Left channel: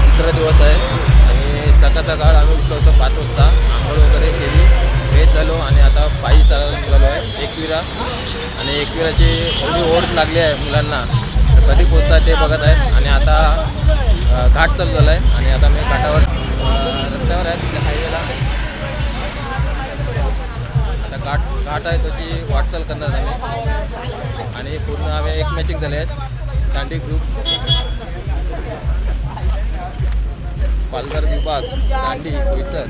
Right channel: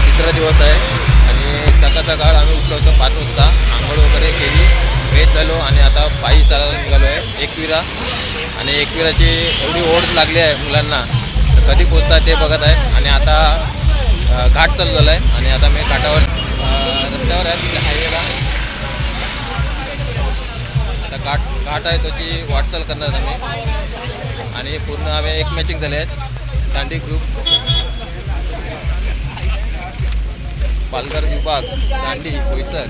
तिसरा दिवस आहे आणि सकाळ आम्ही उठलो होतो 5 वाजता, आंघोळ वगैरे केली, फ्रेश झालो आणि आता पायी चालायला निघालो आहे एकविरा. आणि एकविराची एवढी ओढ लागली आहे मुलांना, तर कधी पोचतात ते बघत आहेत. आणि आता घाट चालू झाला आहे आणि आता मी घाटावर रस्त्यावर आहे हायवेला. आता घाट आहे त्याची वाटचाल करणार आम्ही. आणि पूर्ण आम्ही एक मॅचिंग झाले आहेत, दांडी ग्रुप, पालघर विभाग, दांडी, बोईसर.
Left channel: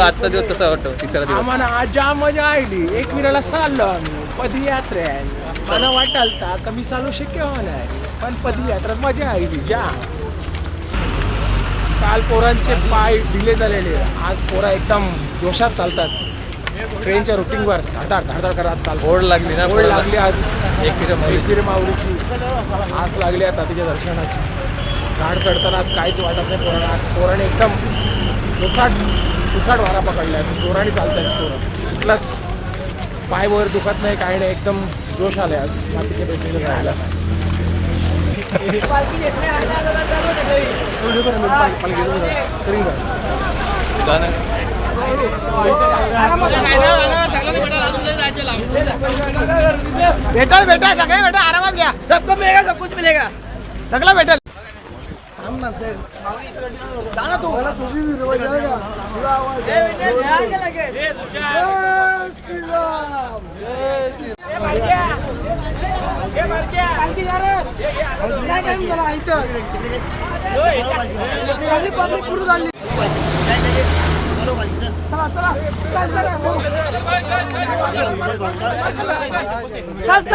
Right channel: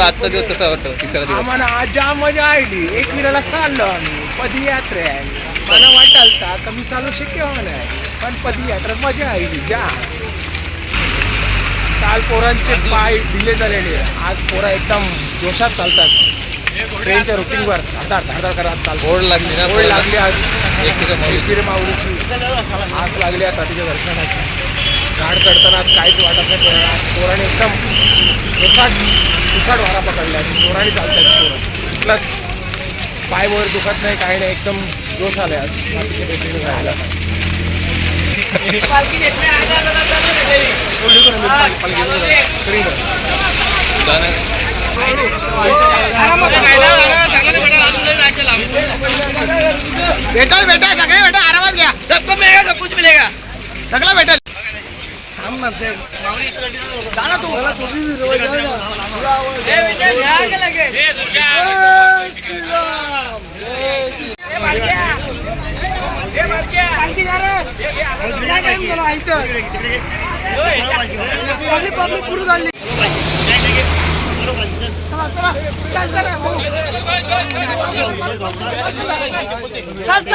आजचा दिवस कसा वाटतो? तिसरा दिवस आम्हाला आज जाम मजा आली. एकविराला चाललो आम्ही पदयात्रे आहे. मला वाटालता कमी चालू शक्य होणार, पण पदयात्रेत मजा आली जा. काल पोरांचे पाय ढिले झालेले, आज पोरा एकदम जोशात चालतात. ट्रेनच्या रुटीनवर धाडधाड करत चालतात. ओढ लागली ना, ओढ लागली आज एकविरा माऊलीची आस लागली आता तिच्या दर्शनाची. घाट चढताना आज काहीच वाटत नाही पोरांना. आज पोराने एकदम तुसाट वारा पकडला आहे, जोराने चालतात पोरं. कुठलाच पाय वर दुखत नाही, काही नाही, एकदम जोश आलाय आज मातीच्या भेटीने जायला. बेटा सगळे बेटा आरामात घ्या. सबको मिलेगा, सब कुछ मिलेगा, सगळं भेटेल.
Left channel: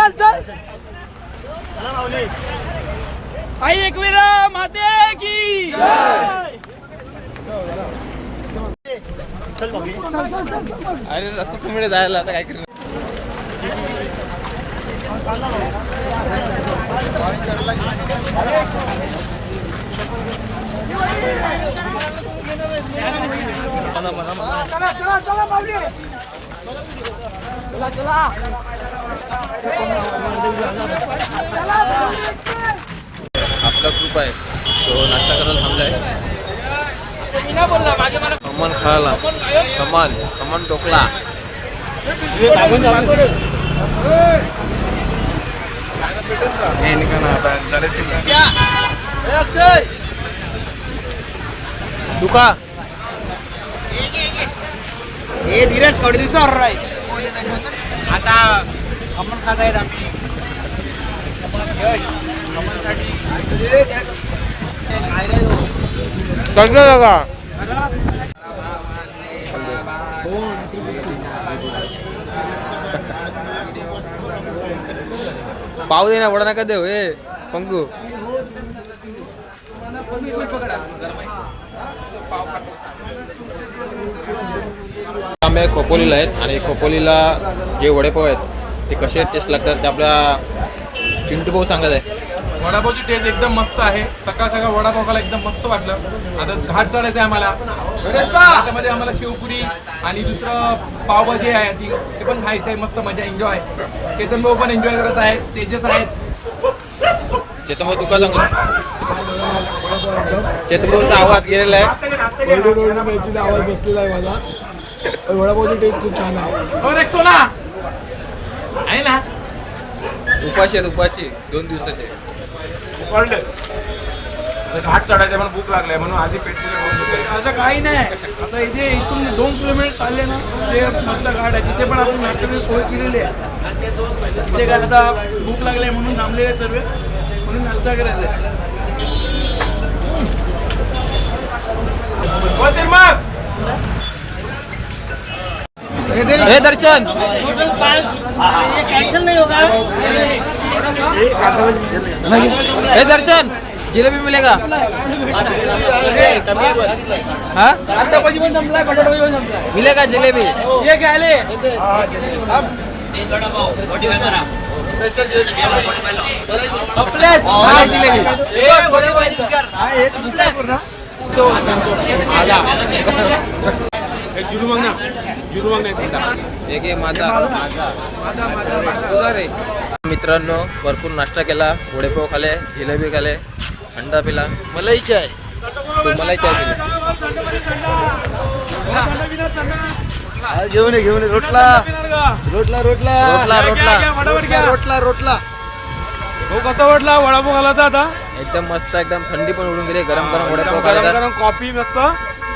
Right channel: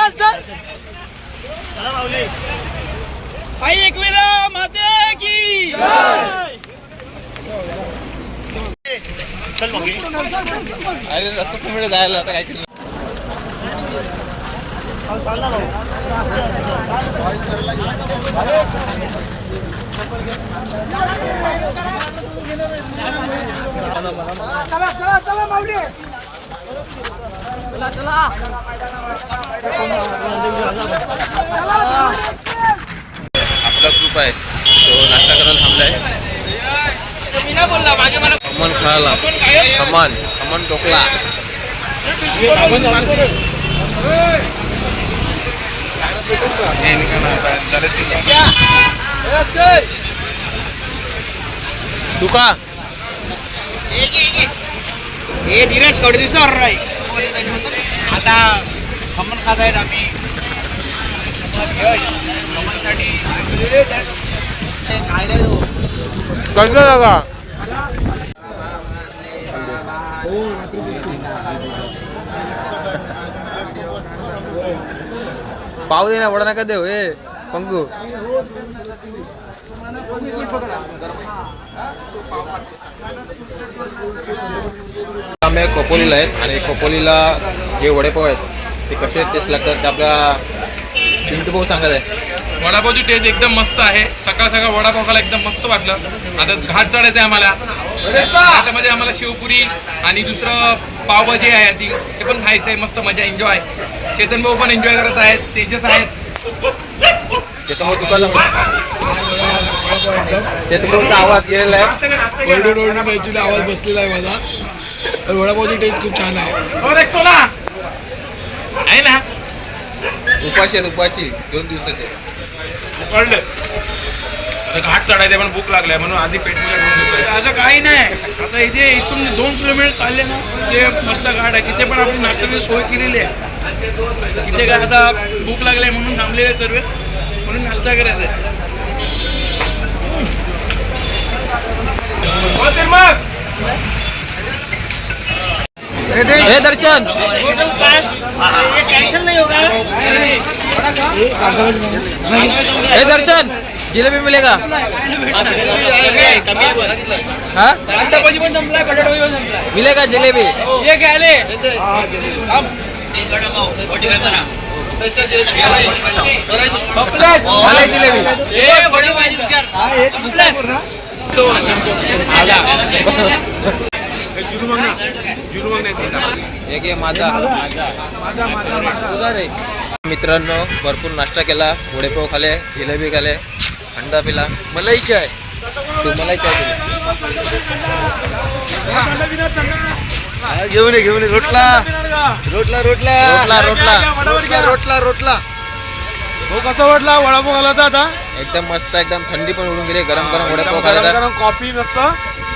चल आई एकविरा माते की अरे रस्ता समोर जायला आता काय केलं. आपला ग्रुप आहे तो नाश्ता करायला थांबलाय. खमण खायला, खमण ढोकला. दुका हे धीरज कवडे दिवसावर नाही आता खमण खात आहेत आम्ही. खमणसाठी पाव दे ना, वडा नका देऊ हे पंकू. आम्ही खोपोलीला आहेत आणि खोपोलीला जे वडेपाव आहेत ते कसे टेस्ट लागतात ते आपल्या चिंटू भाऊ सांगत आहे. वडापावची टेस्ट एकदम मस्त आहे. सकाळ वडापाव खायला एकदम मस्त वाटलं. आता घाट चढायचं आहे आम्हाला. घाटामध्ये आम्हाला शेवपुरी आणि दुसरं पावभाजी आहे ती, ते पण खायचं आहे. मस्त मजा, एन्जॉय. चेतन भाऊ पण एन्जॉय करत आहेत, तेजस आहेत. चेतन भाऊ तुका सांगू. चेतन भाऊचा आवाज गेलेला आहे, ओरडून आवाज बसलेला आहे माझा. पण वडापावची टेस्ट खूप छान आहे. आहे ना. उपाशी 2 दिवसाचे पडले. आता घाट चढायचे पण भूक लागलाय म्हणून आधी पेटपूजा करून घेतोय. असं काही नाही. आता इथे इथून 2 किलोमीटर चालले ना, ते मस्त घाट आहे. तिथे पण आपली नाश्त्याची सोय केलेली आहे. तिथे काय आता भूक लागली म्हणून थांबलेले सर्व, म्हणून नाश्ता करायचा आहे. हे दर्शन हे दर्शन जिलेबी मिलेगा हाँ मिलेगा जिलेबी मलाई जिलेबी एक आहे माझा सुधार आहे. मित्रांनो भरपूर नाश्ता केला, वडेपाव खाले, जिलेबी खाले, थंडा पिला, मलाई चाय. तू मलाई चाय पिली घेऊन रोटला रोटला रोटला रोटला रोटला रोटला रोटला हो कसा वाटला वडापाव खालाचा आता एकदम मस्त, एकदम थंडी पण उडून गेली. गरम गरम वडेपाव खायला गरम कॉफी मस्त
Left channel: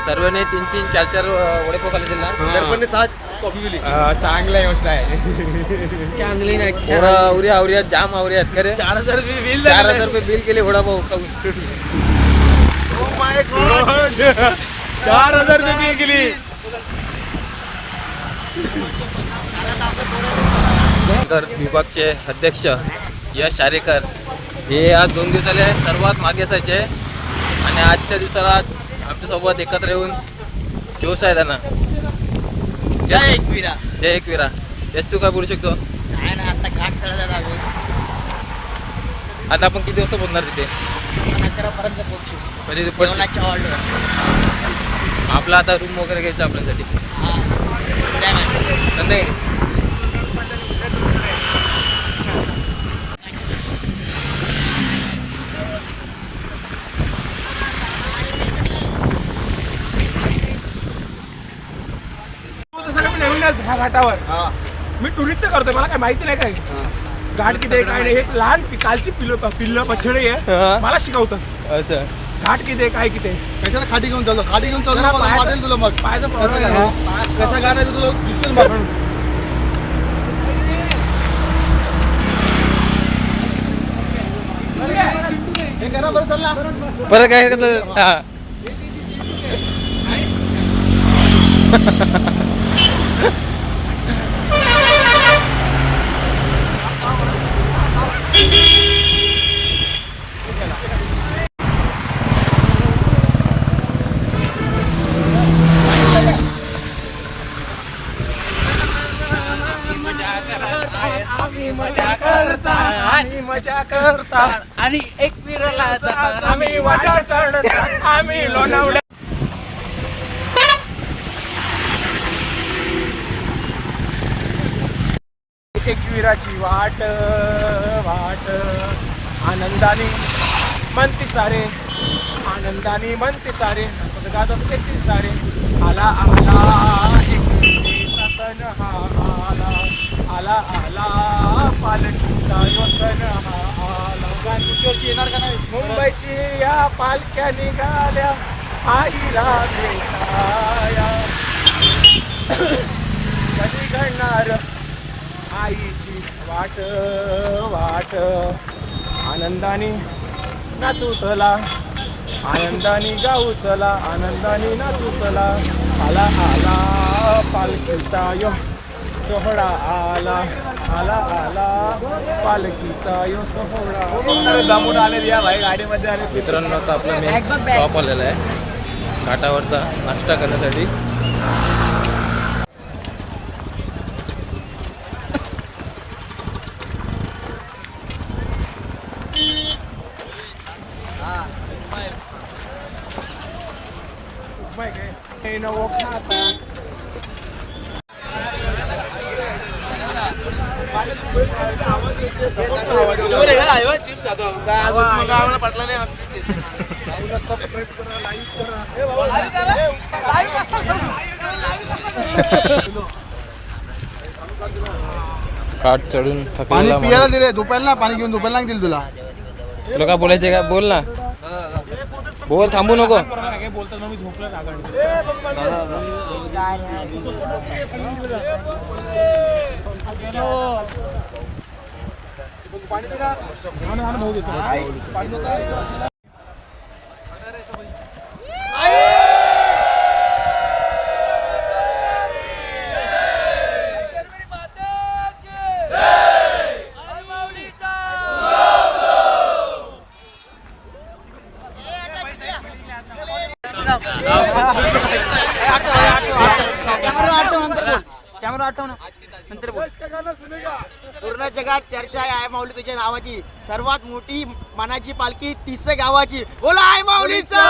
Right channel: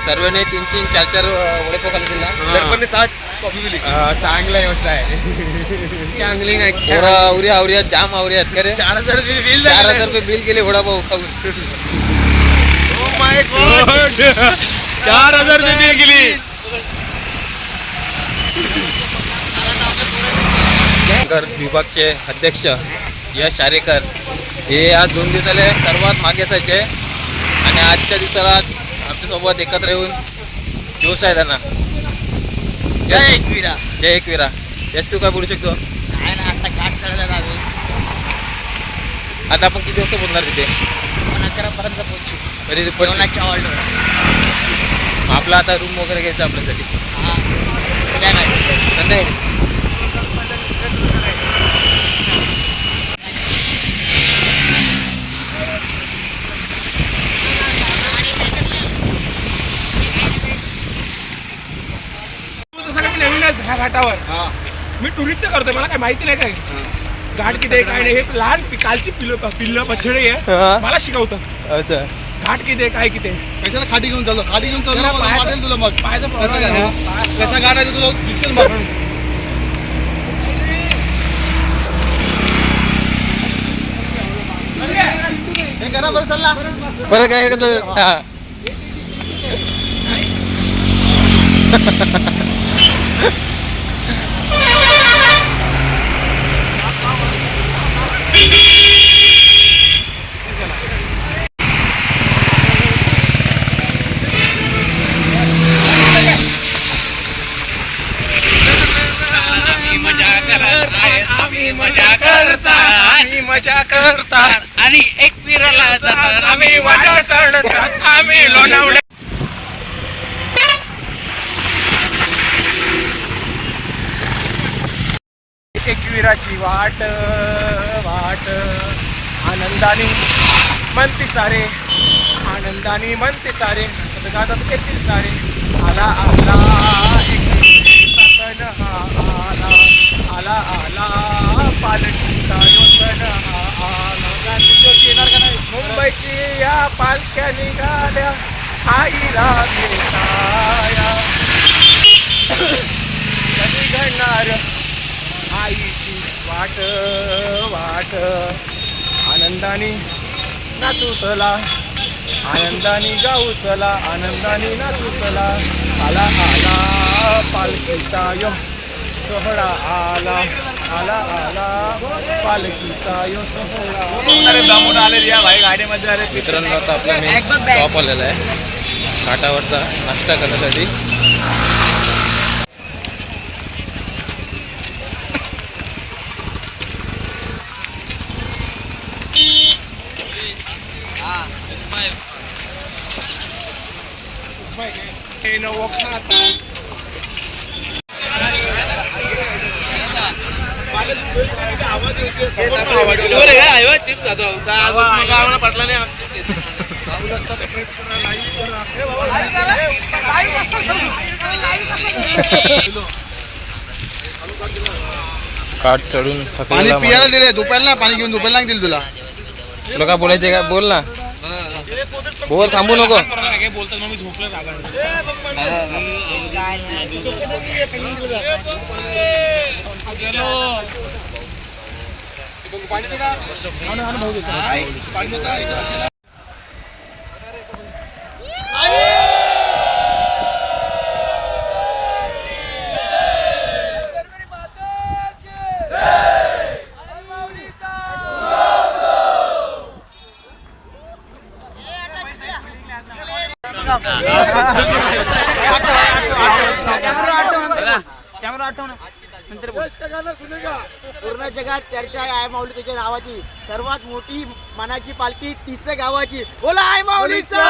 सर्वांनी 3-3, 4-4 वडेपाव खाले दिला. दर्पणने 7 कॉफी पिली. चांगला गोष्ट आहे चांगली नाही पोरं आवऱ्या जाम आवऱ्या आहेत खरे. 4000 बिल 4000 रुपये बिल केले वडापाव खाऊन. Oh my God. 4000 बिल गेली. विभागचे अध्यक्ष यश आरेकर हे आज 2 दिवसाले सर्वात मागे असायचे आणि आजच्या दिवसाला आमच्यासोबत एकत्र येऊन जोश आहे त्यांना. जय एकविरा. यश तू काय बोलू शकतो? आता आपण किती वाजता पोहोचणार तिथे? 11पर्यंत पोहोचू. आपला आता रूम वगैरे घ्यायचा आपल्यासाठी संध्याकाळी. नवीनच ह्या घाटावर मी टुरिस्टचं करतोय, मला काय माहिती नाही काय घाट किती आहे काय नाही. हे लहान कालची पिल्लं पछडे आहे, मला शिकवतात अच्छा घाट किती आहे काय किती आहे. कशाला खाटी घेऊन चाललो जरा पायाचं- वाटेल तुला मग पायाचा कसा प्रॉब्लेम आहे. कसा गाड आहे तुला दिसेल मग. हे करा बरं चालला परत काय करतो? हा. आम्ही मजा करता आणि एक विराला आम्ही मजा चढता आम्ही लोणावळ्या. एकविराची वाट वाट आनंदाने म्हणते सारे, आनंदाने म्हणते सारे, नाचत गातात एकवीर सारे. आला आला एकविरेचा सण हा आला, आला आला पालखीचा जो सण हा आला. गाणं येणार का नाही? मुंबईची या पालख्या निघाल्या आईला भेटाया, कधी घडणार आईची वाट वाट. आनंदाने नाचू चला, आनंदाने गाऊ चला, आनंदाने नाचू चला. आला आला पालखीचा यो सोहळा आला, आला आला पालखीचा यो सोहळा. मित्रांनो आता आपला मेन स्टॉप आलेला आहे घाटावरचा नाश्ता करण्यासाठी. नवो खाता आवाज पटला नाही. काठ चढून थकलेला पियाला माणूस. दिले झोपायला नाही, पाणी घेऊन झोपायला नाही दिलं तुला. तुला काय बोलायचं काय बोल ना, बोल, थांबू नको. काय बोलतात मग मी झोपलं पाणी पूर्ण जगात चर्चा आहे आई माऊली तुझ्या नावाची. सर्वात मोठी मानाची पालखी 30 गावाची. बोला आई माऊलीचं.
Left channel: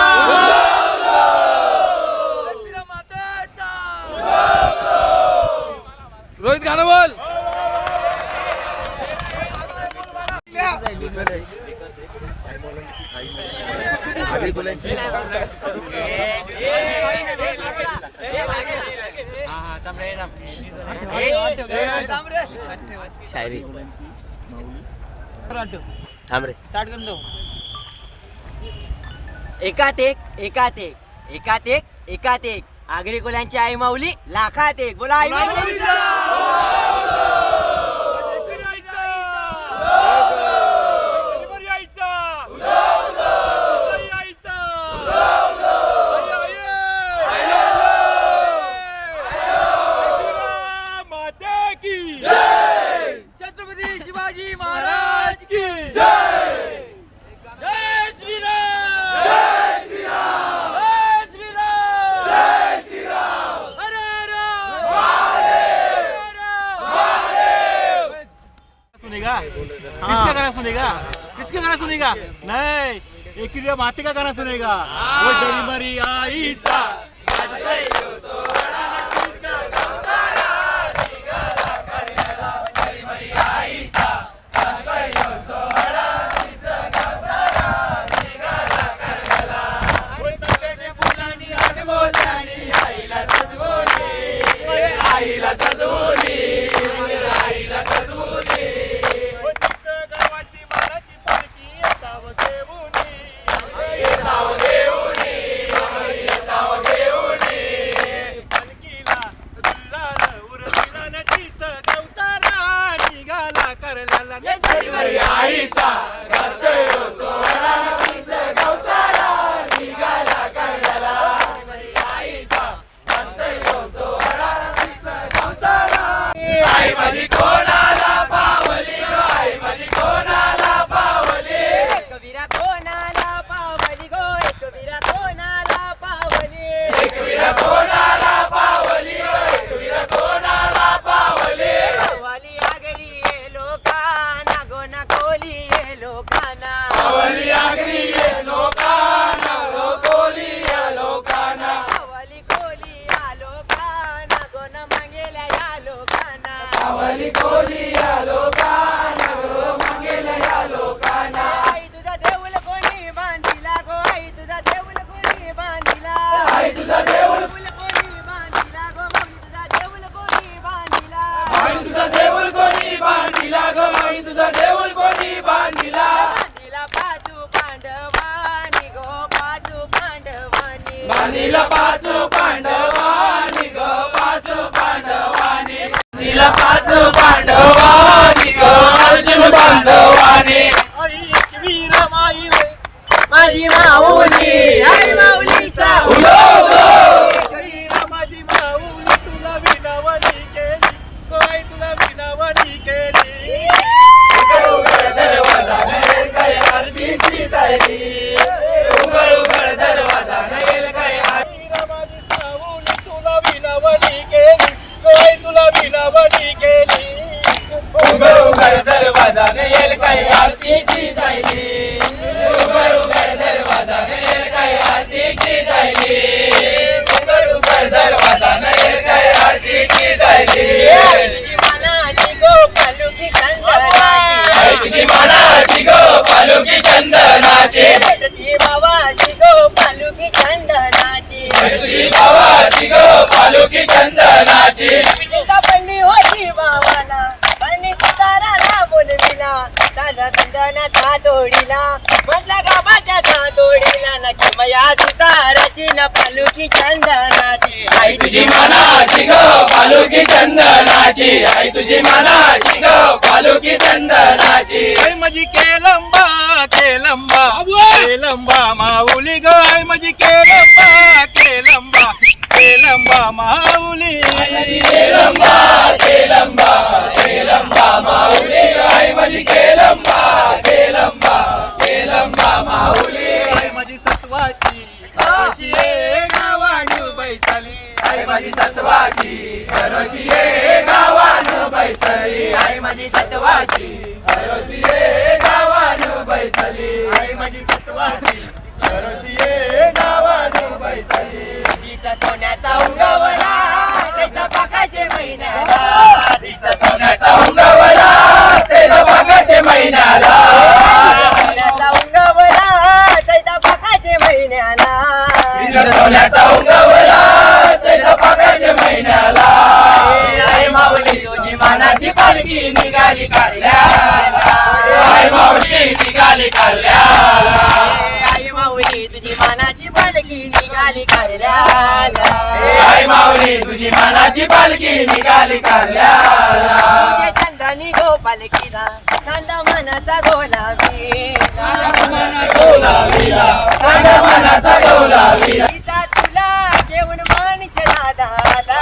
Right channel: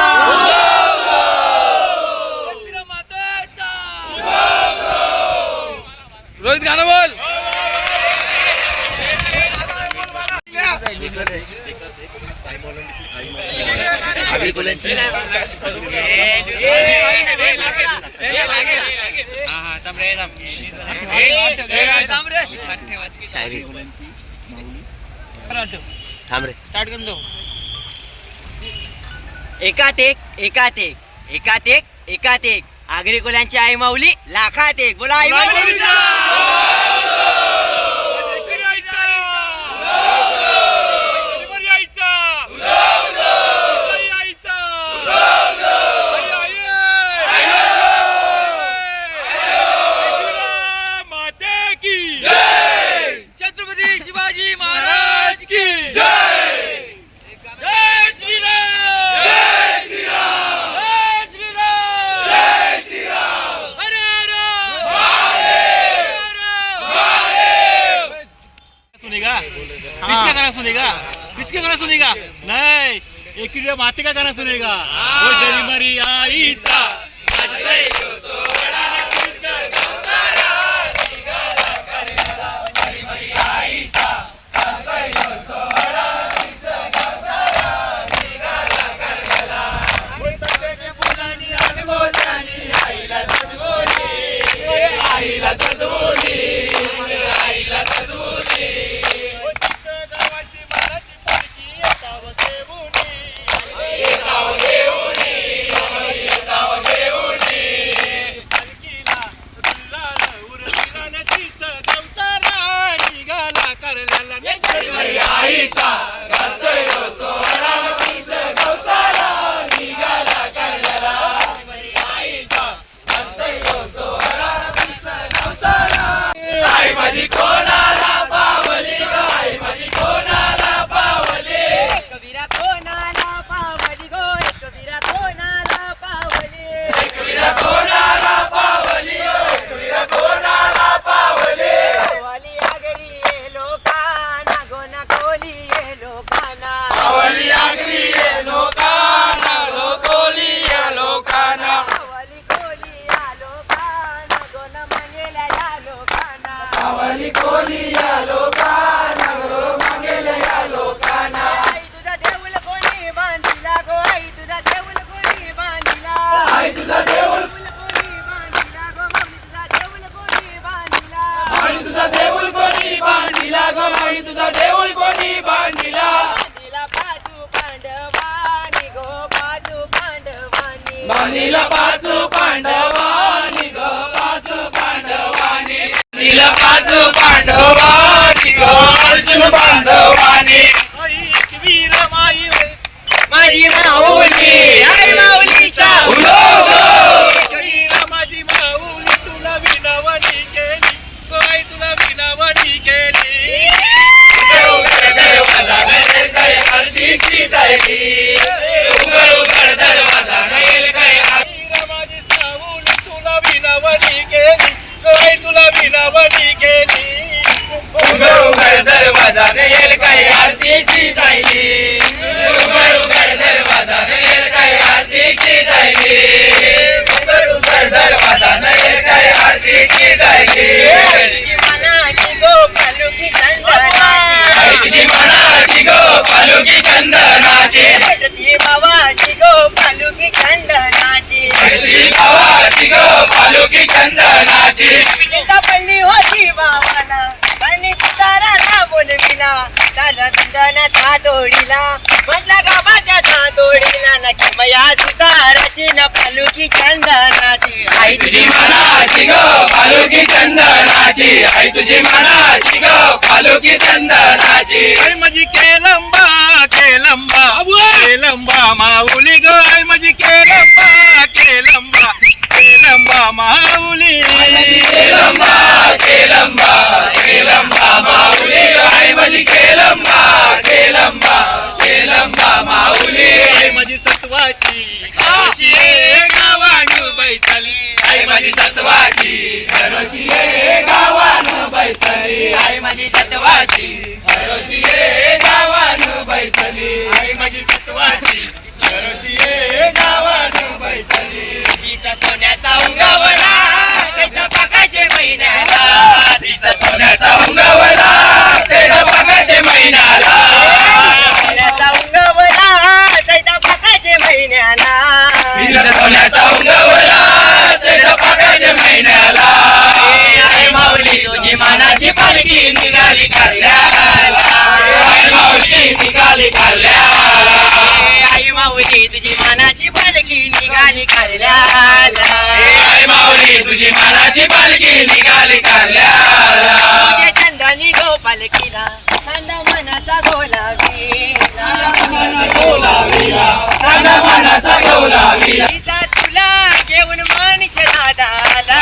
रोहित गाणं बोल. एकात एक एकात एक एकात एक एकात एक आगरी कोल्यांची आई माऊली लाखात एक. बोला आई माऊली. छत्रपती शिवाजी महाराज की जय. जय श्रीराम. जय श्रीराम. जय श्रीराम. जय श्रीराम. हर हर महादेव. महादेव. सुनेगा किसका गाना सुनेगा? किसका गाना सुनेगा? नहीं, एक माते का गाना सुनेगा. वो जरी मरी आईचा माझी माऊली आई माऊलीचा माझी माऊली तुला विनवणी केली. गोई तुला विनवणी केली. माझी सावली तुला विनवणी केली. गोई तुला विनवणी केली. दरवाजाने येईल काही आरतीची जायली. दरवाजाने येईल काही आरतीची जायली. दरवाजाने येईल काही आरतीची जायली. मनाची गोपालुकी चंदनाची तुझी मनाची गो पालुकी चंदनाची. तुझी बाबाची गोपालुकी चंदनाची तुझी भावाची गो पालुकी चंदनाची. पिटिका पडली होती बाबाला आणि सुताराला बोलविला. त्याला चंदनाचा तोडीला मधला गावाच्या तोडीला न किमया सुताराची न पालुकी चंदनाची आई तुझी मनाची गो पालुकी चंदनाची. आई तुझी मनाची गो पालुकी चंदनाची. आई माझी केलंबा केलंबा केलंबा माऊली ग. आई माझी केलंबा केलंबा केलंबा माऊली. केलंबा केलंबा केलंबा माऊली. आई माझी केलंबा केलंबा केलंबा माऊली. आई माझी सत्वाची काशी गावाणू बैसली. आई माझी सत्वाची हरोशी ये गावान बैसली आई माझी सत्वाची हरोशी ये गावान बैसली आई माझी सत्वाची हरोशी ये गावान बैसली तिचा सोन्याचा उंगवला चैत्र पाकाचे महिन्याला तिचा सोन्याचा उंगवला तेरा पाकाचे महिन्याला सोन्याचा उंगवला चैत्र पाकाचे महिन्याला तिचा सोन्याचा उंगवला तेरा पाकाचे महिन्याला आई माऊली तुझी मानाची पालखी निघाली कारल्याला आई माऊली निघाली कारल्याला आई माऊली तुझी मानाची पालखी निघाली कारल्याला आई माऊली तुझी मानाची पालखी निघाली कारल्याला तुझे चंदनी गो पालखीला थंड मनाचा गोलावीला थंड मनाचा गौलावीला तिचा तुला घेऊन मनीष दादाला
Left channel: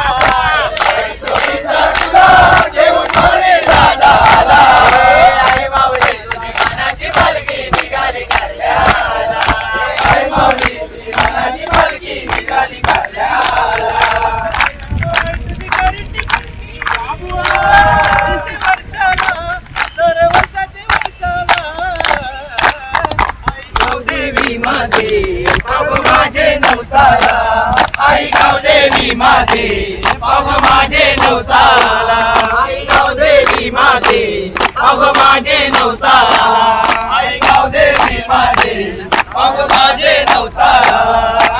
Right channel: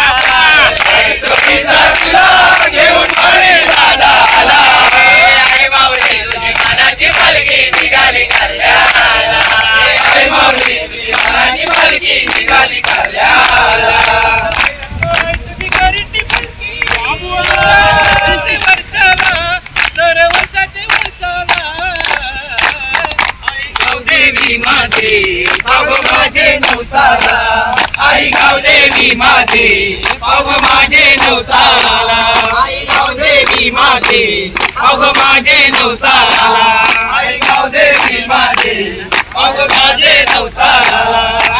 सोनीचा तुला घेऊन म्हणे दादा आला आई माऊली तुझी मानाची पालखी निघाली कारल्याला आई माऊली तुझी मानाची पालखी निघाली कारल्याला तुझी गोरीची पालखी वर्षी वर्षाला दर वर्षाचे वर्षाला आई देवी माझे पाव माझे नवसाला आई गाव देवी माझे पाव माझे नवसाला आई गाव देवी माझे पाव माझे नवसाला आई गाव देवी माझे पाव माझे नवसाला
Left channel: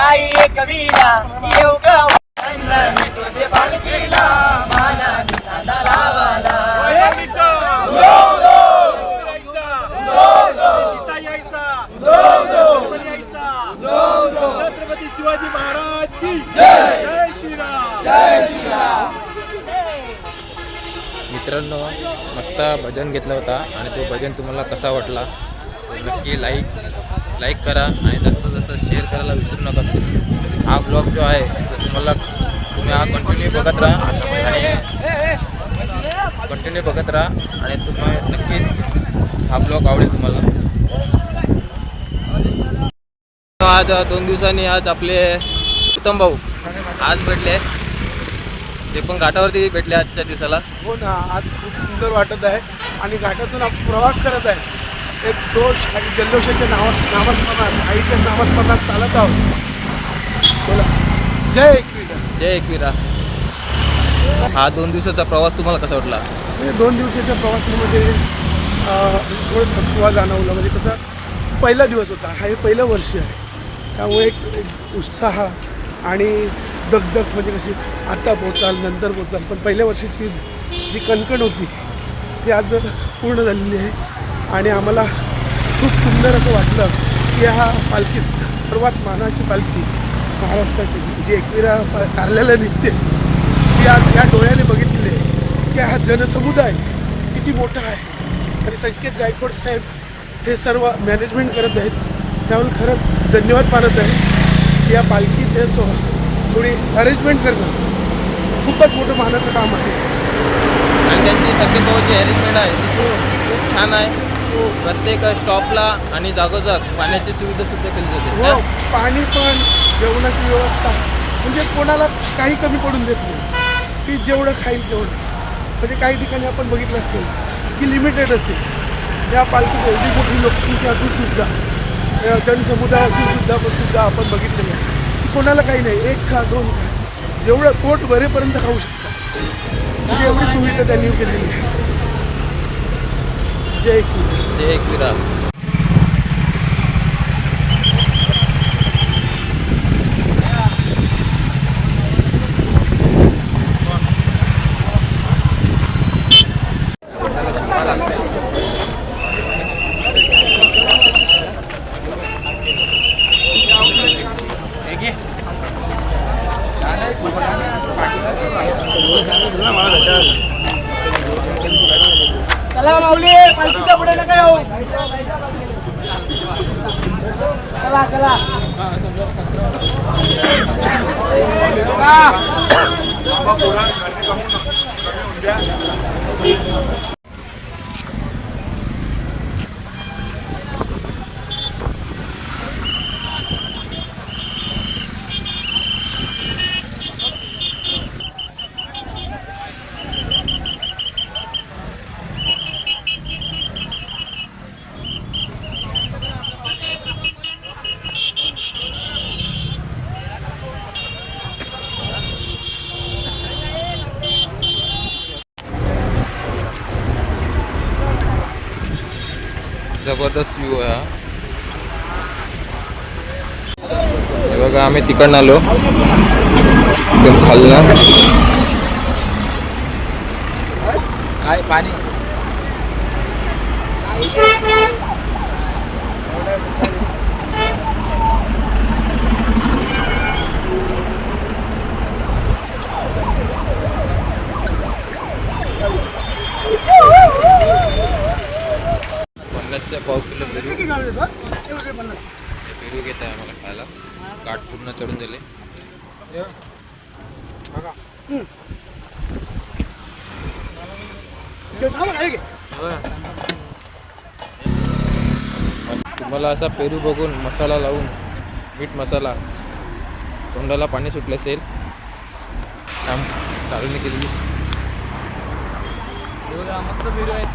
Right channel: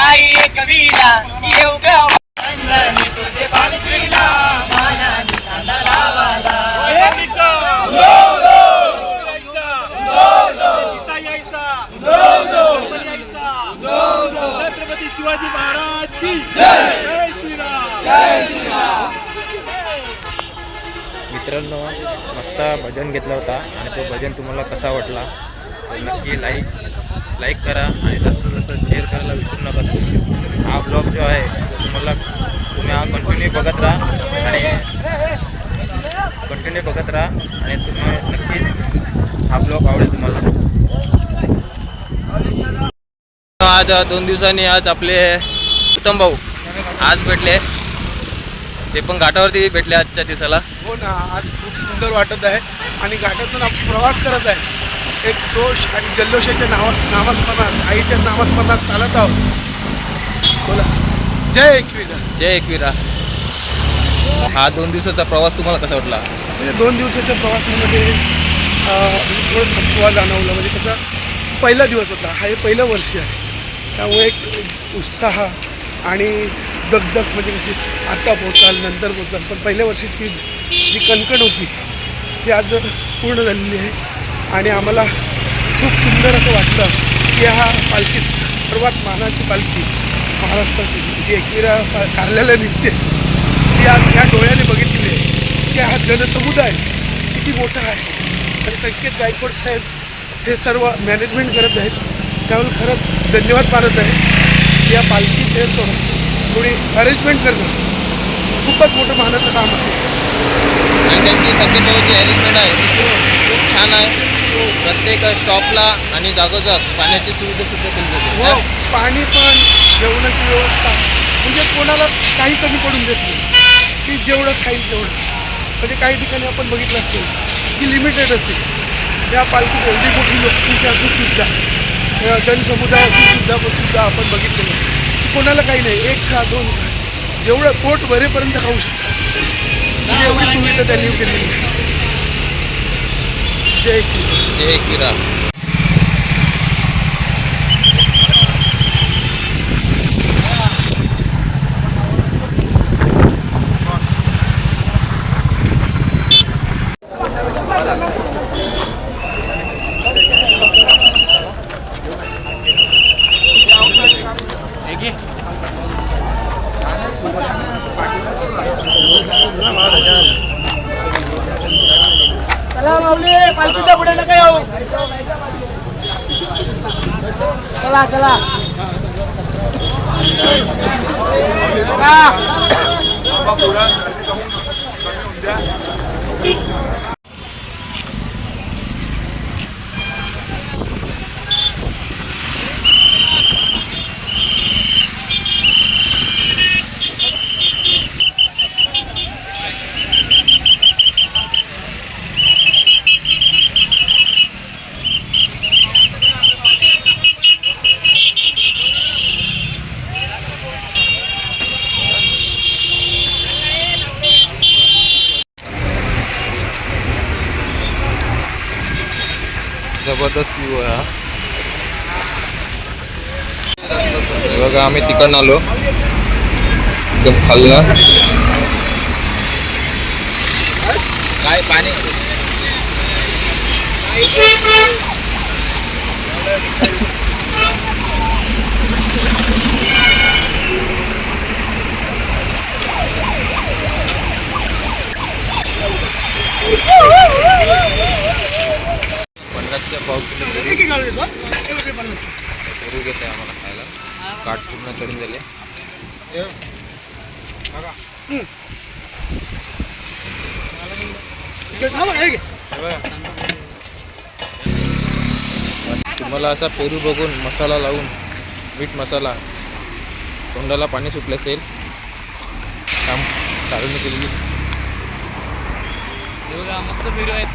आई कवीला येऊ गाव चंद्राने तुझे पालखीला मानाने चांदा लावाला छत्रपती शिवाजी महाराज की जय श्रीराम. मित्रांनो मस्त भजन घेतला होता आणि तो भजन तुम्हाला कसा वाटला तर नक्की लाईक करा आणि जसं जसं शेअर करायला विसरू नका. हा ब्लॉग जो आहे तो तुम्ही हा कंटिन्यू बघत राहा आणि तुम्ही नक्कीच हा ब्लॉग आवडेल तुम्हाला. आज 2 दिवसांनी आज आपले उत्तम भाऊ आज भेटले, ते पण घाटावरती भेटले आजच्या दिवसाला. हो ना, आज खूप सुंदर वाटत आहे आणि घाटातून आपण प्रवास करत आहे. एक जोश आणि जल्लोषाच्या नामस्मरणात, आईच्या नामस्मरणात चालत आहोत. बोला जय एकविरा. जय एकविरा. हा 2 दिवसाचा प्रवास तुम्हाला कसा वाटला? म्हणजे 2 दिवसाच्या प्रवासामध्ये थकवा जाणवला. म्हणजे कसं पहिला दिवस होता, हा हे पहिलं वर्ष आहे, त्यामुळे एक उत्साह आणि दगदग म्हणजे कशी आता पोचाल नंतर पोचाल, पण पहिल्या वर्षीची जी कणकण होती ती आज पूर्ण झालेली आहे. आणि आम्हाला खूप सुंदर असं वाटलं की हा पालखी सर्वात मानाची पालखी महाराष्ट्राची जी एकविरा कारल्याला निघते ती आज ह्या डोळ्याने बघितलेली आहे की हा जनसमुदाय किती मोठा आहे. आणि संकेत गायकवाड साहेब हे सर्व मॅनेजमेंट करत आहेत, त्यामुळे खरंच धन्यवाद मानत आहे. या पालखी हे थोडी अरेंजमेंट करणं खूपच मोठं मानाचं काम आहे. आणि त्यांची संकेत भाऊची अरेंजमेंट आहे ती खूप छान आहे. प्रत्येक स्टॉपला आणि जागोजाग पाण्याची सुविधा सुद्धा केली हो, जाते. पाणी पण जेवणाची व्यवस्था म्हणजे कोणाला काही कमी पडून देत नाही की जेवढं खाईल तेवढं. म्हणजे काही ठिकाणी आपण बघितलं असेल की लिमिटेड असते. या पालखीत एवढी मोठी लोकसंख्या असूनसुद्धा, जनसमुदाय असूनसुद्धा आपण बघितलेलं आहे की कोणाला काही नाही, 1 खा 2 खा, जेवढं पोट भरेपर्यंत खाऊ शकता. म्हणजे एवढी सुविधा त्यांनी केलेली आहे. जय एकविरा. जय एकविरा. चला माऊली पालखीच्या पुढे नका येऊ. चला चला. जबरदस्त व्ह्यू आहे हा. हे बघा आम्ही तिकडनं आलो एकदम खालनं. काय पाणी पन्नासच्या पाव किलो पुरी घेत आहे आम्हाला खायला. काठ पूर्ण चढून दिले. तुम्हाला असा पेरू बघून मसाला लावून मीठ मसाला तोंडाला पाणी सुटले असेल काम चालून केलेली. बघा मस्त पेरू आहेत.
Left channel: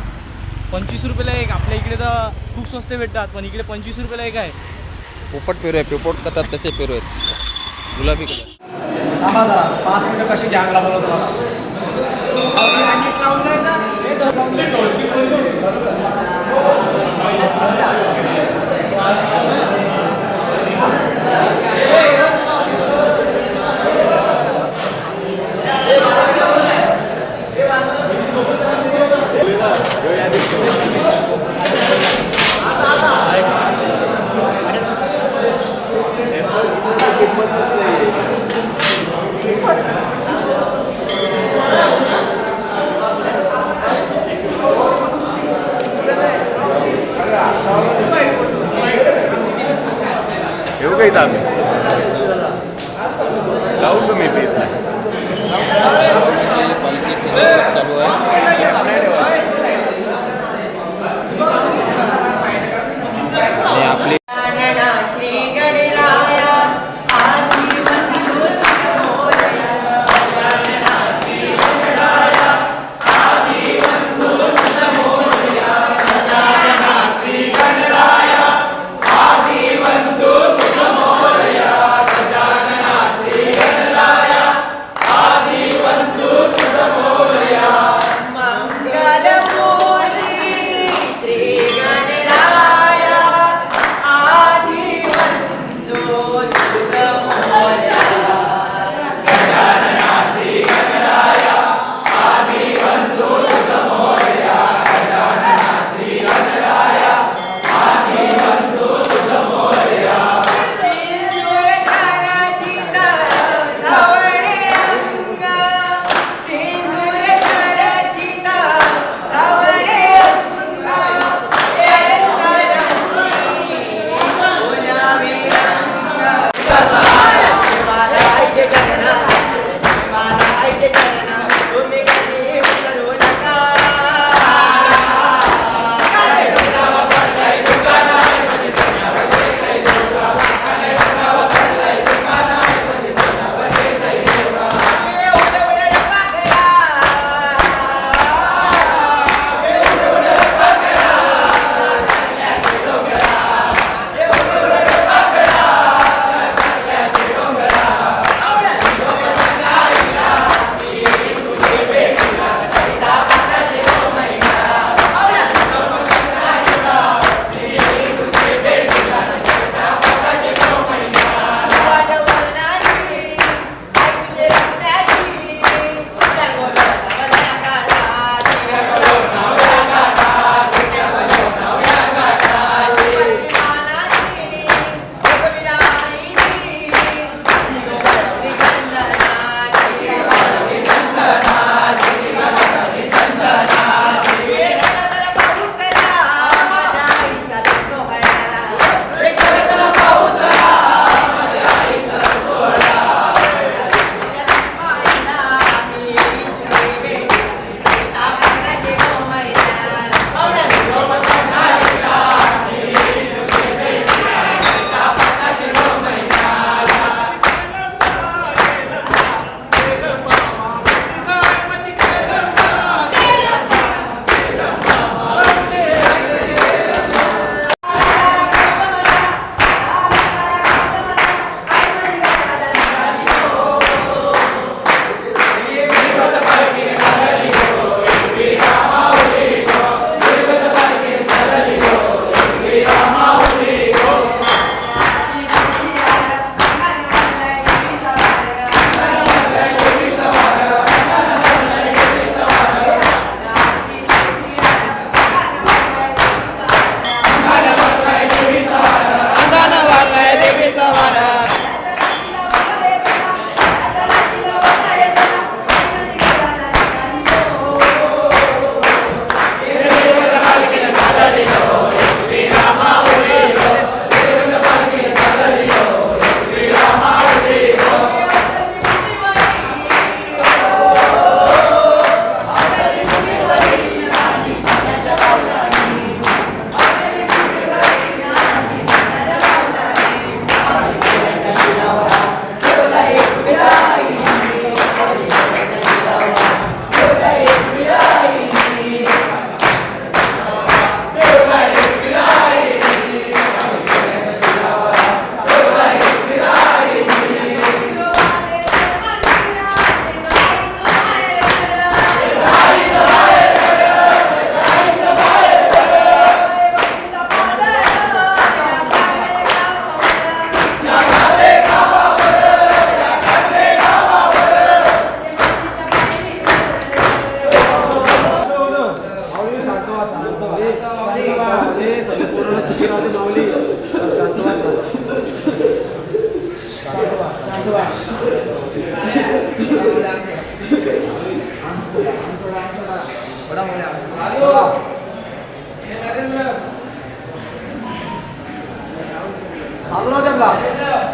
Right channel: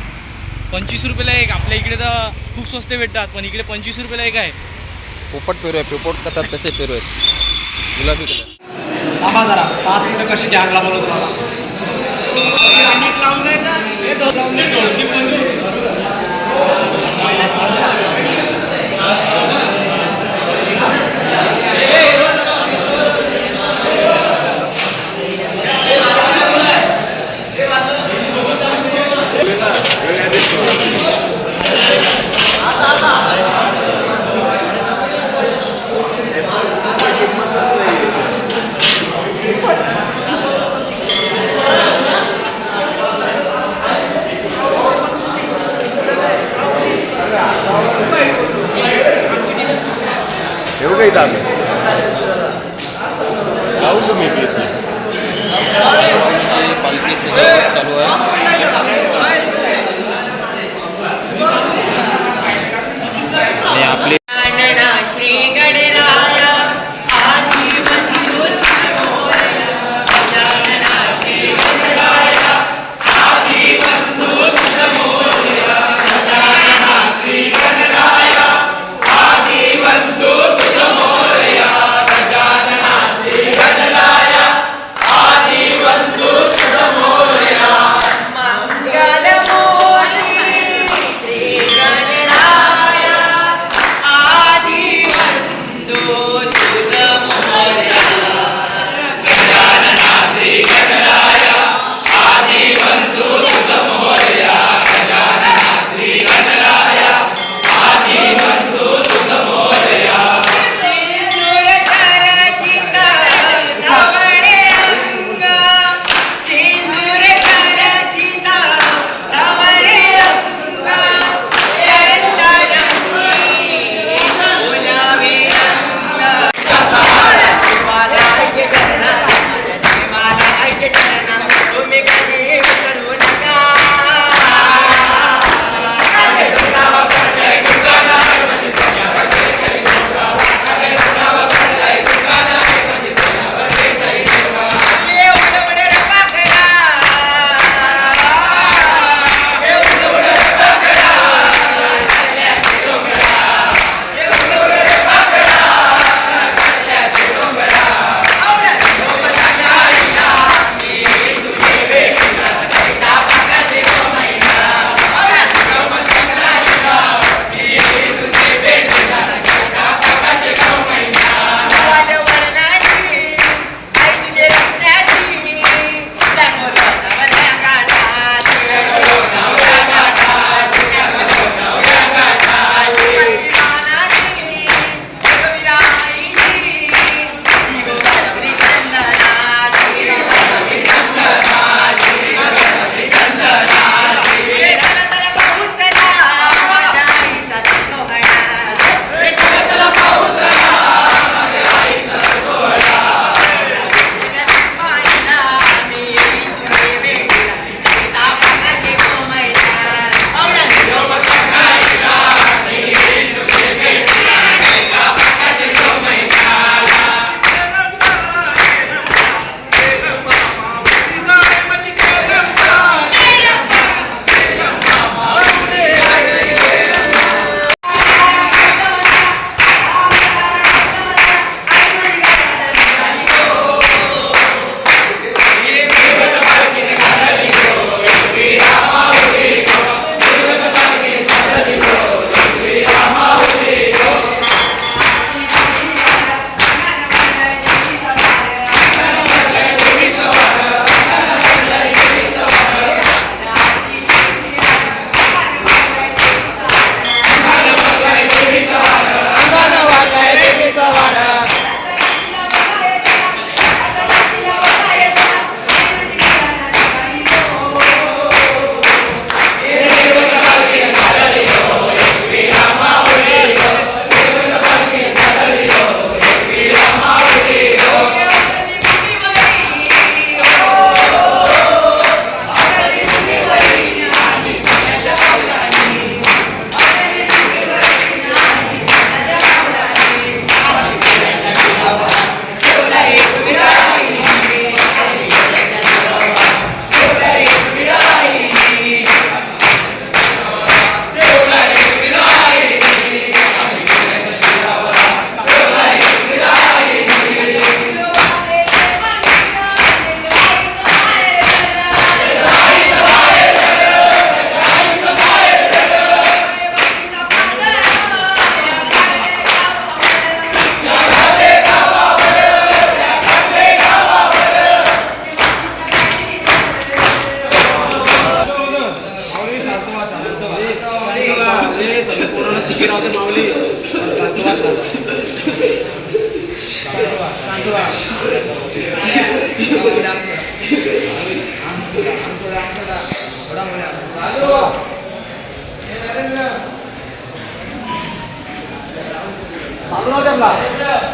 25 रुपयाला एक. आपल्या इकडे तर खूप स्वस्त भेटतात पण इकडे 25 रुपयाला एक आहे. पोपट पेरू आहे. पोपट करतात तसे पेरू आहेत. गुलाबी कलर. थांबा जरा 5 मिनिटं कशी जॅंगला बोलवतो.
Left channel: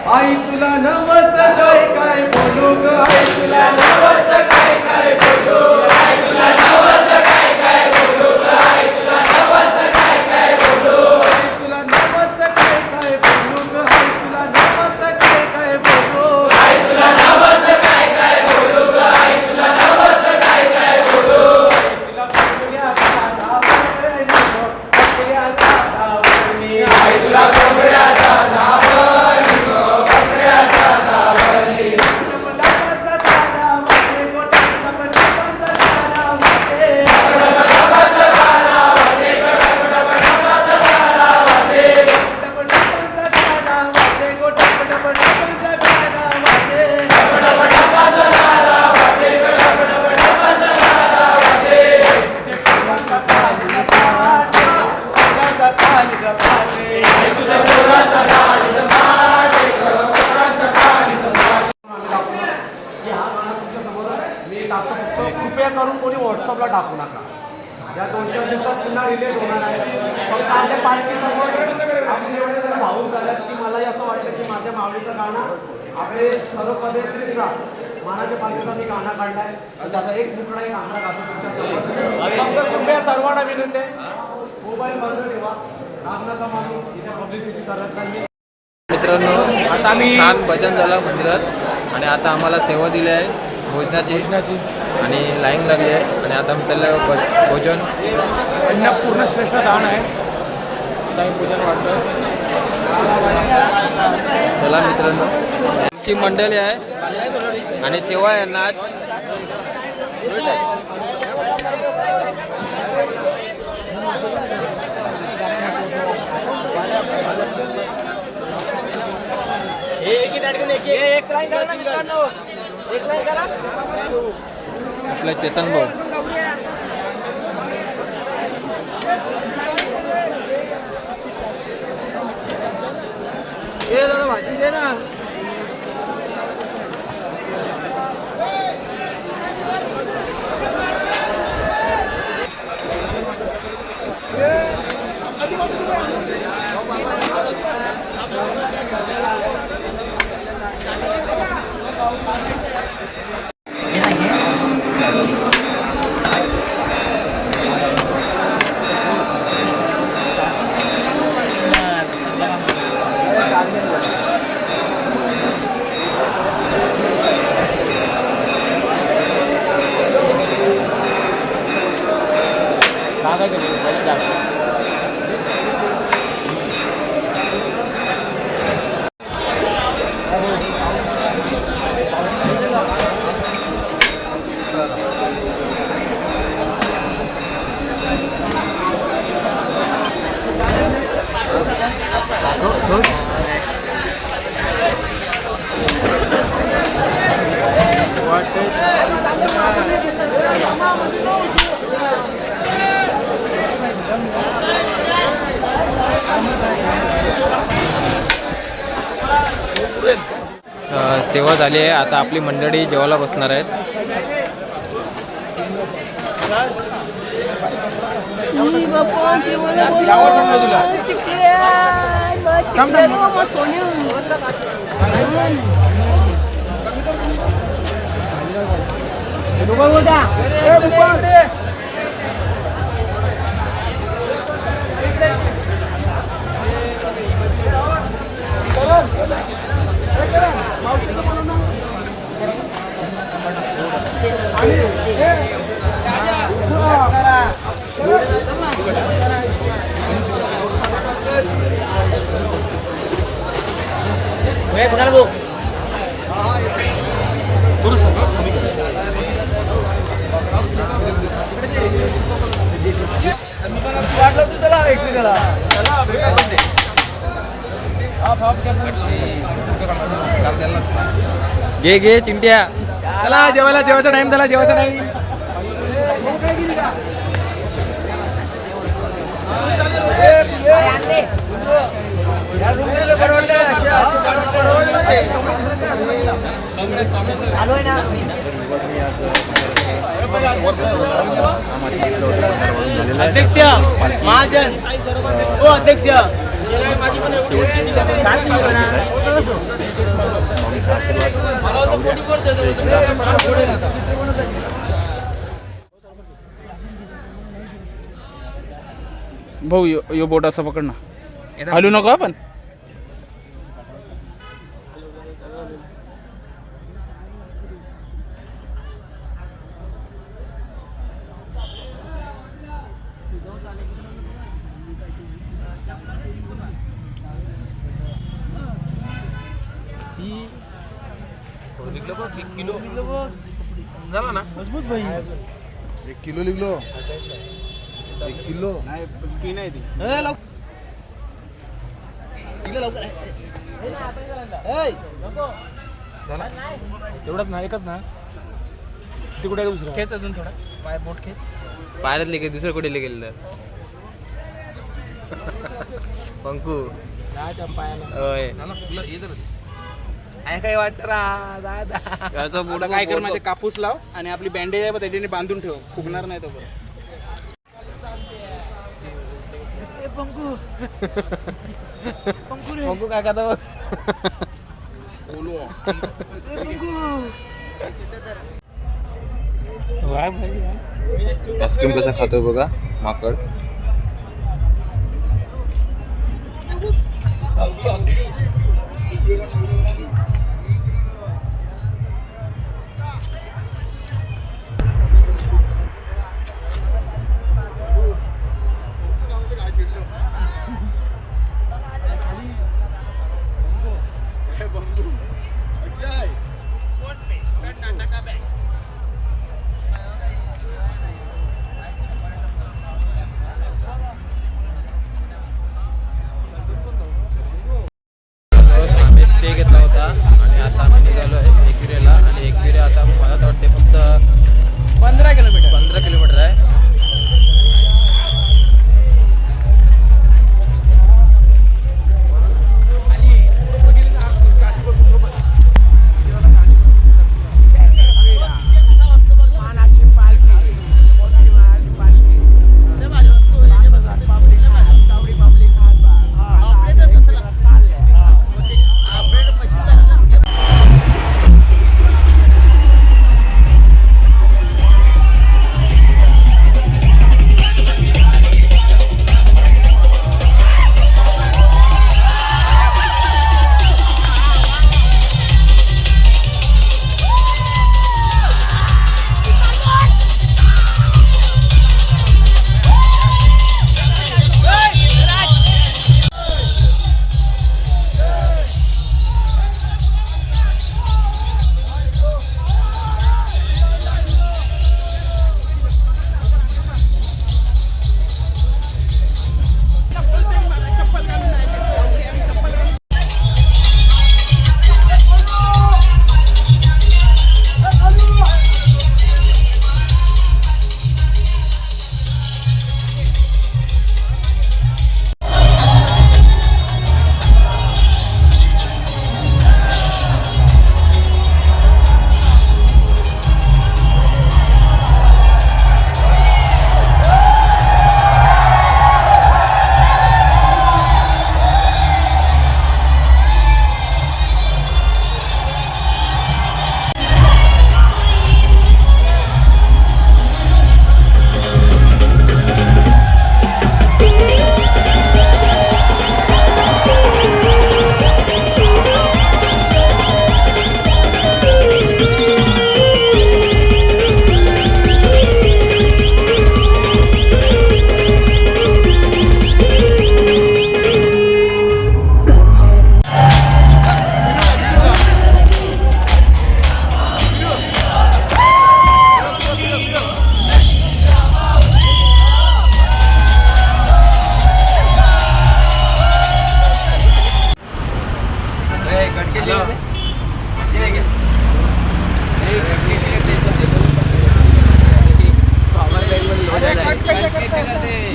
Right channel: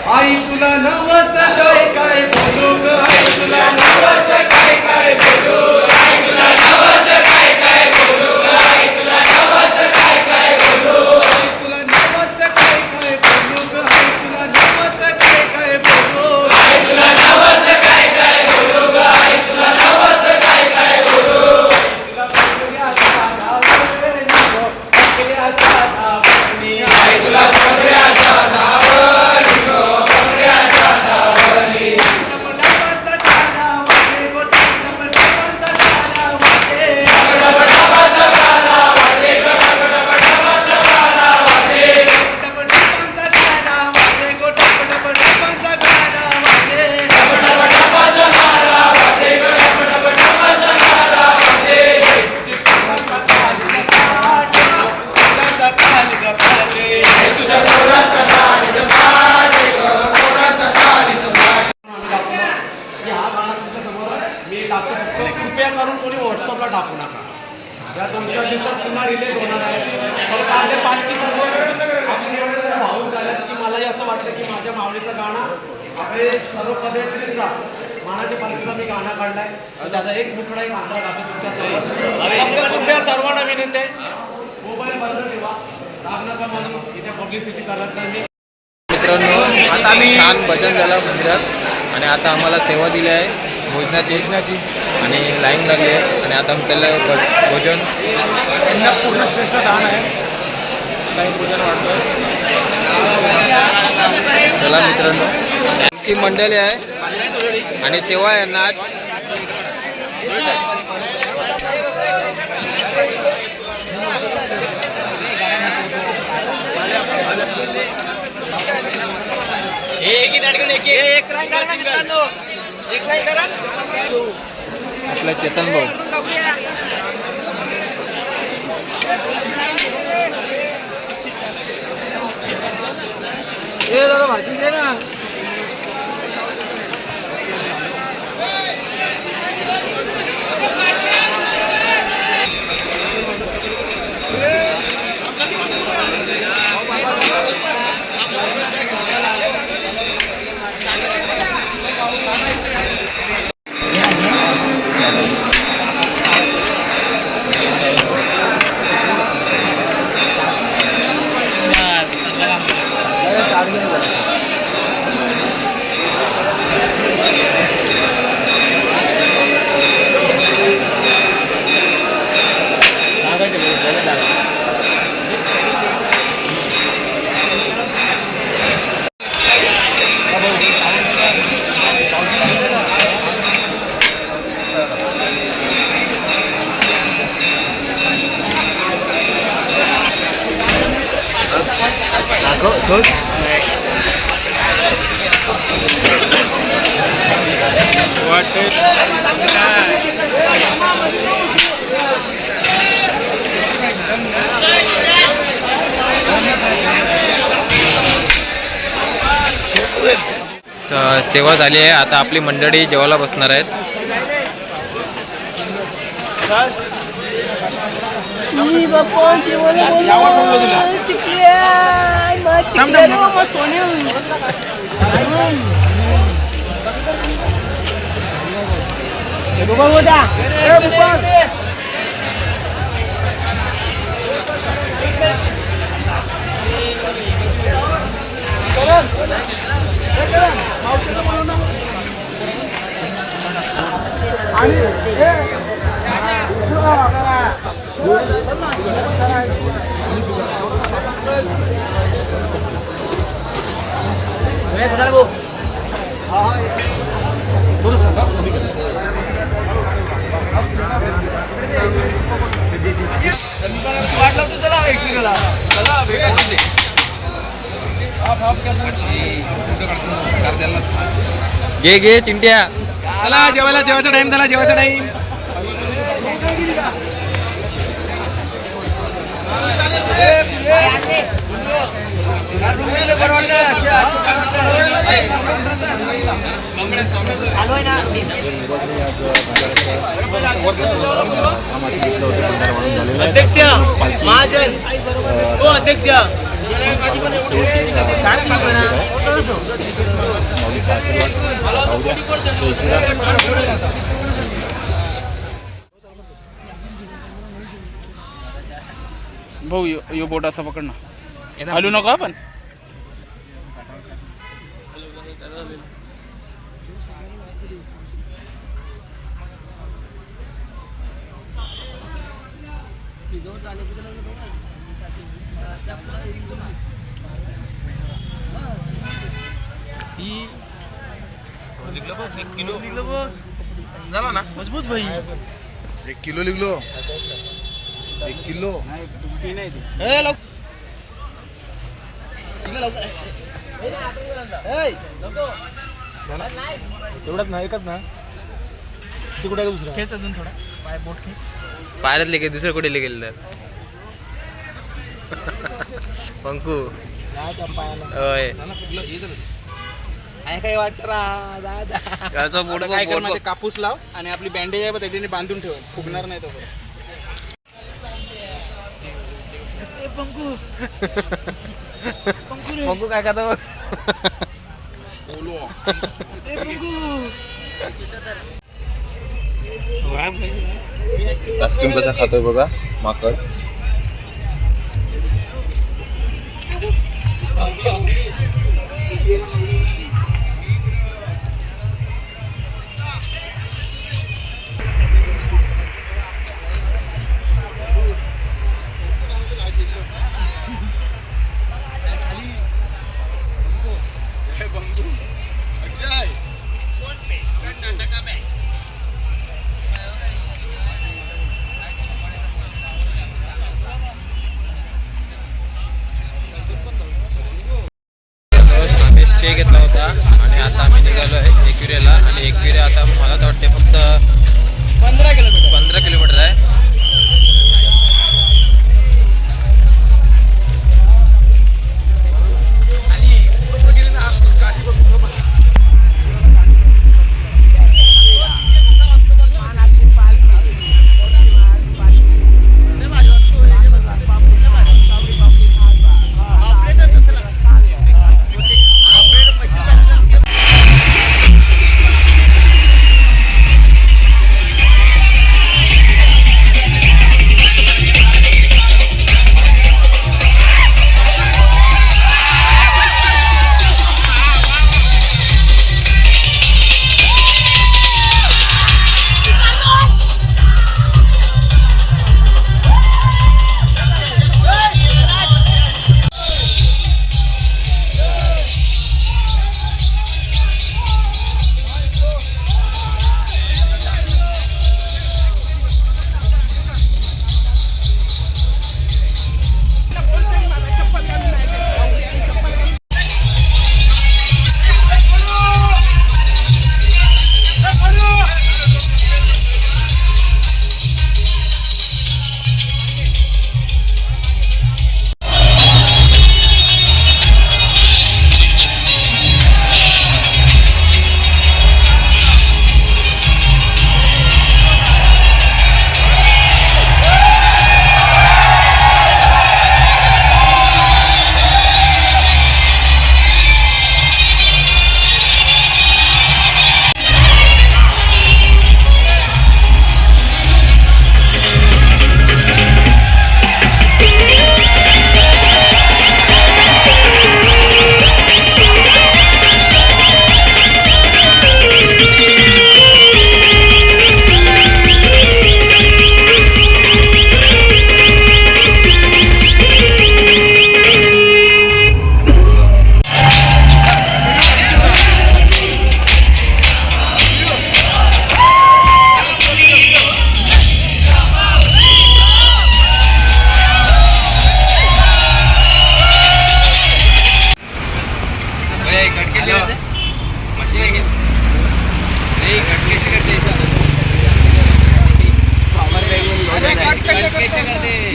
आई तुला नवस काय काय बोलू ग आई तुला नवस काय काय बोलू आई तुला नवस काय काय बोलू ग आई तुला नवस काय काय बोलू आई तुला नवस काय काय बोलू ग आई तुला नवस काय काय बोलू आई तुला नवस काय काय बोलू ग आई तुला नवस काय काय बोलू तुला पंधऱ्याचा धावणी पंधऱ्याचा धावणी आई तुला पंधऱ्याचा कृपया करून कोणी व्हॉट्सअपला टाकू नका. या 2-4 दिवसात पुन्हा रिलीज होणार आहे. फक्त आपल्या पालखीसमोर आपण एवढे भावूक झाल्यात की मलाही असं वाटलं की माझ्या माऊलीचं गाणं आपले सर्व पद्धतीचा मानाच्या पालखीचा मी गाणं काढलाय. त्याचा एक मुकडा एक आंध्रा गातो तुमच्या समोर. कृपया सर्वांना विनंती आहे, मोबाईल बंद ठेवा. नागनाचा म्हणून इथे पब्लिसिटी करत नाही. मित्रांनो आता आम्ही छान भजन झालं मंदिरात आणि आता आम्हाला सेवा दिली आहे भोजनाची आणि लाईन लागली आहे आणि आता आम्ही चाललं भोजन त्यांना पूर्ण श्रेष्ठ दान आहे. काही पूजन वाढतोय. चला मित्रांनो आमची मंडळी आहे आणि सेवा आहे ना आपला चेतन भाऊ सेवा झाली आहे. आता आपली मंडळी जेवायला बसणार आहेत. घे घे चिंट्या. चला जेवायला, जेवायचा टाइम झाला, जेवायचा टाइम. अध्यक्ष महाजन हो अध्यक्ष भाऊ यो बोट असं पकड ना हलू नको आपण मजबूत भाई 1 किलो लिखलो 1 किलो एवढंच ना एकच ना ते कुठे दुसरं खेच अजून थोडा पाय बोट खेच पायरच लिखे दुसरं कुठे गेलं तर पंकू होय काय वाटत दादा असं बोट काय कर बोट माझे कापूस लाव आणि आपली बँडेज आहे त्याने बांधून ठेव फुगणार नाही तसं पंकू पंकू रे पंकू काय करता बघ आईस्क्रीम कसा खातोय बघा माकड स्टे घेतला होता आणि आता आम्ही निघालो आहे एकविरेला आणि एकविरे आता मला तर वाटते फक्त 15 किलोमीटर आहे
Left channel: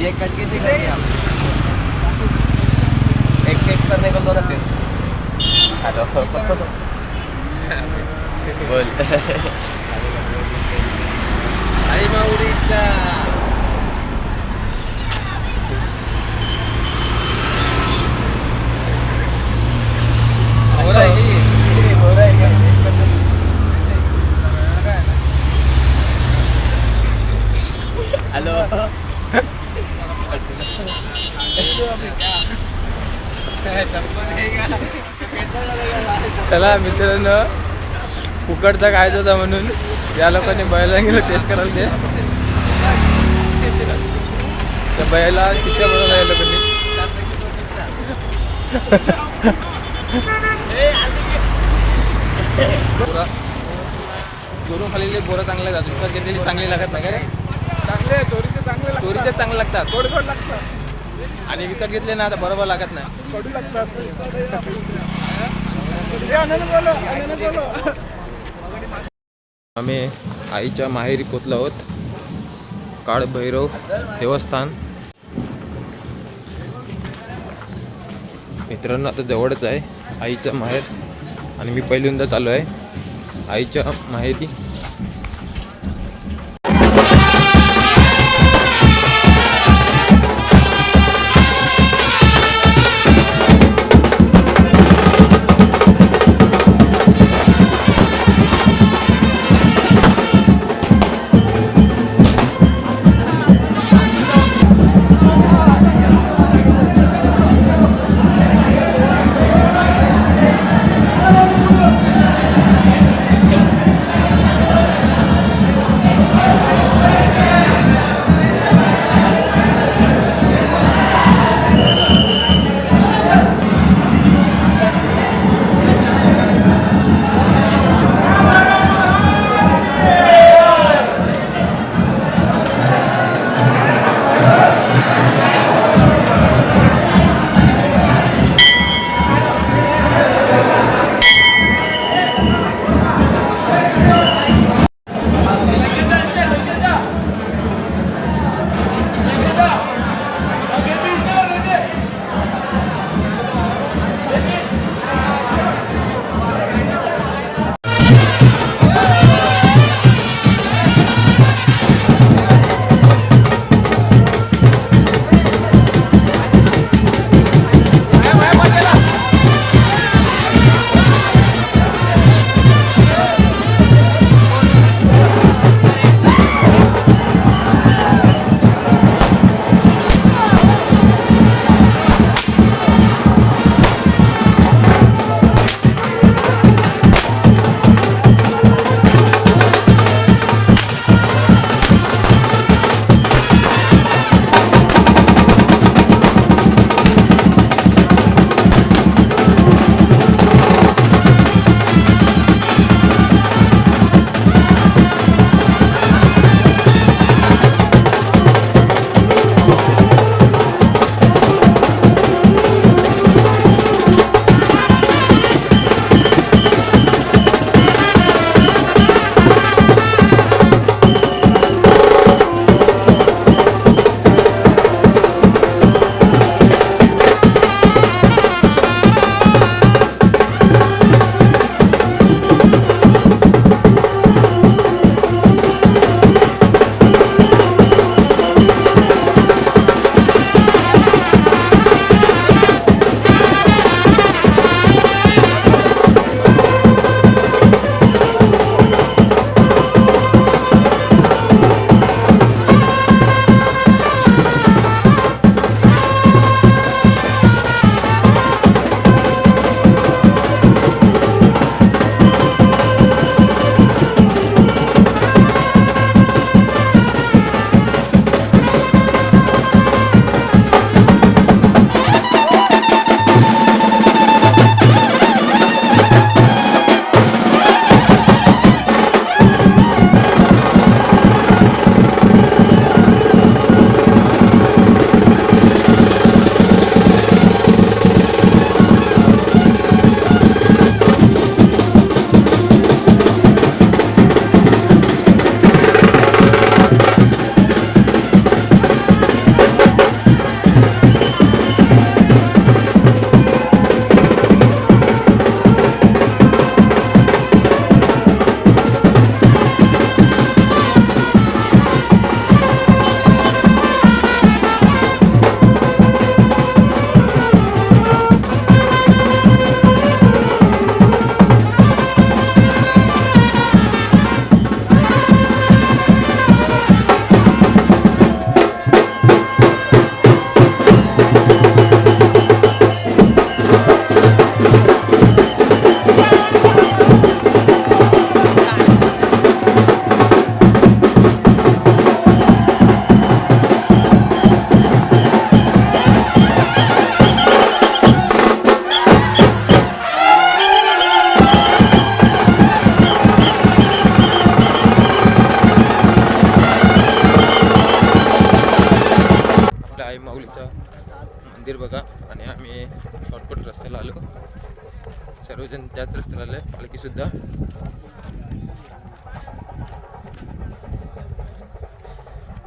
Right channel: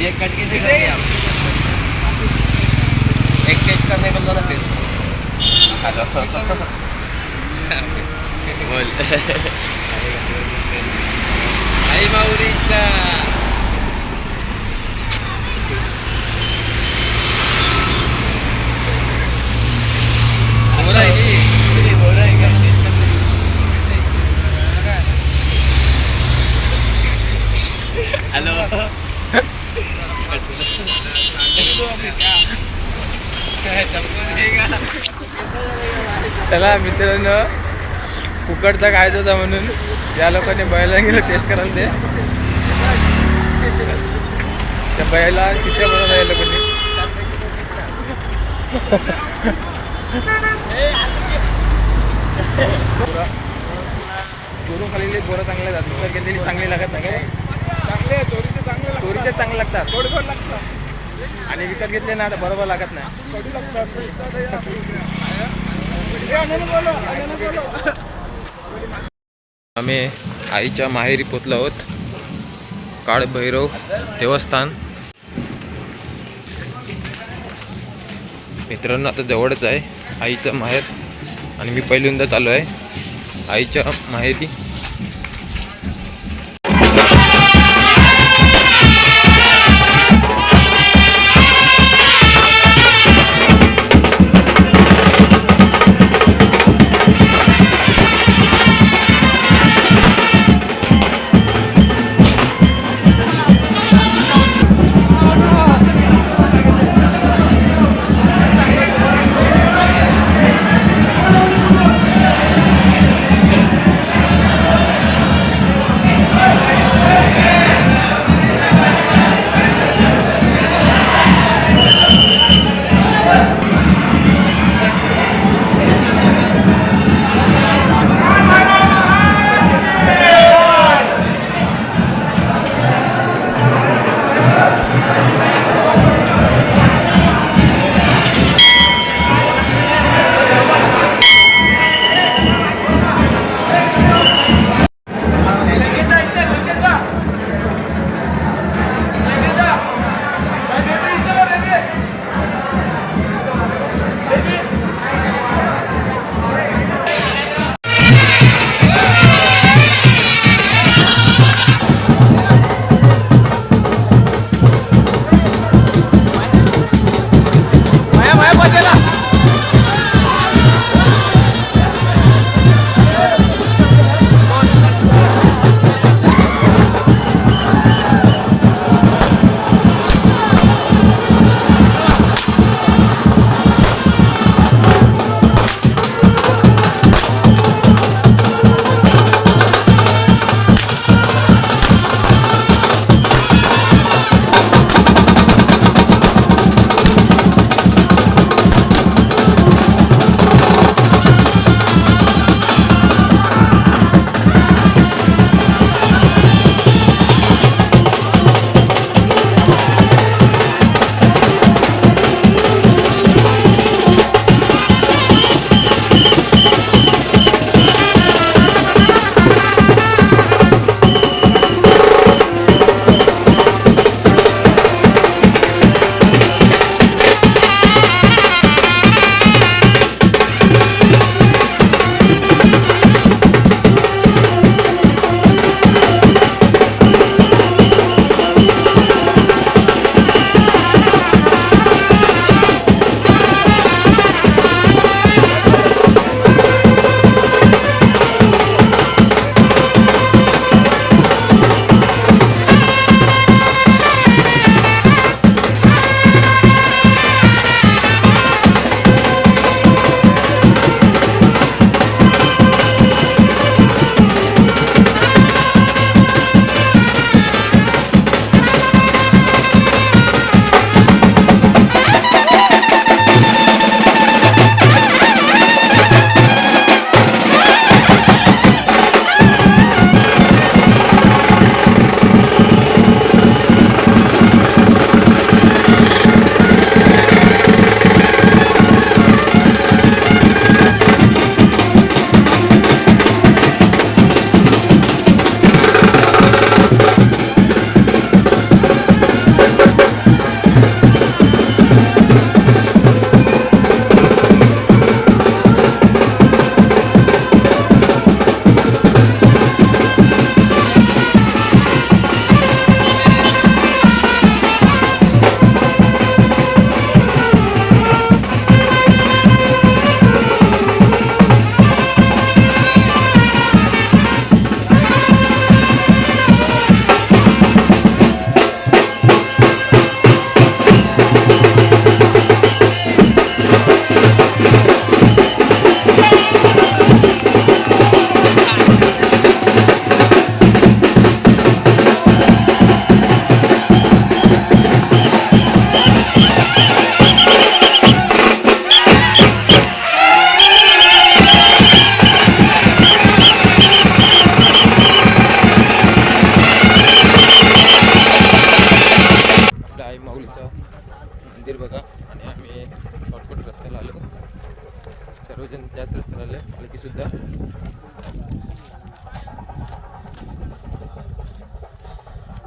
ये कट के दिखा दिया एक टेस्ट करने को दोनों टेस्ट हेलो बोल आई माऊरीचा बोला आहे की बोला आहे का हेलो चला मित्रांनो फुकटचा खायचा होता म्हणून या लोकांनी बैला गेलं टेस्ट करायला दे त्या बैला किती बनवला या लोकांनी चोरून खाल्लेले बोरं चांगले जातात विकत घेतलेली चांगली लागत नाही काय चोरीचे चांगले लागतात आणि विकत घेतले ना तर बरोबर लागत नाही आम्ही आईच्या माहेरी पोचलो आहोत काळ भैरव देवस्थान मित्रांनो आता जवळच आहे आईचं माहेर आणि मी पहिल्यांदा चालू आहे आईच्या माहेरी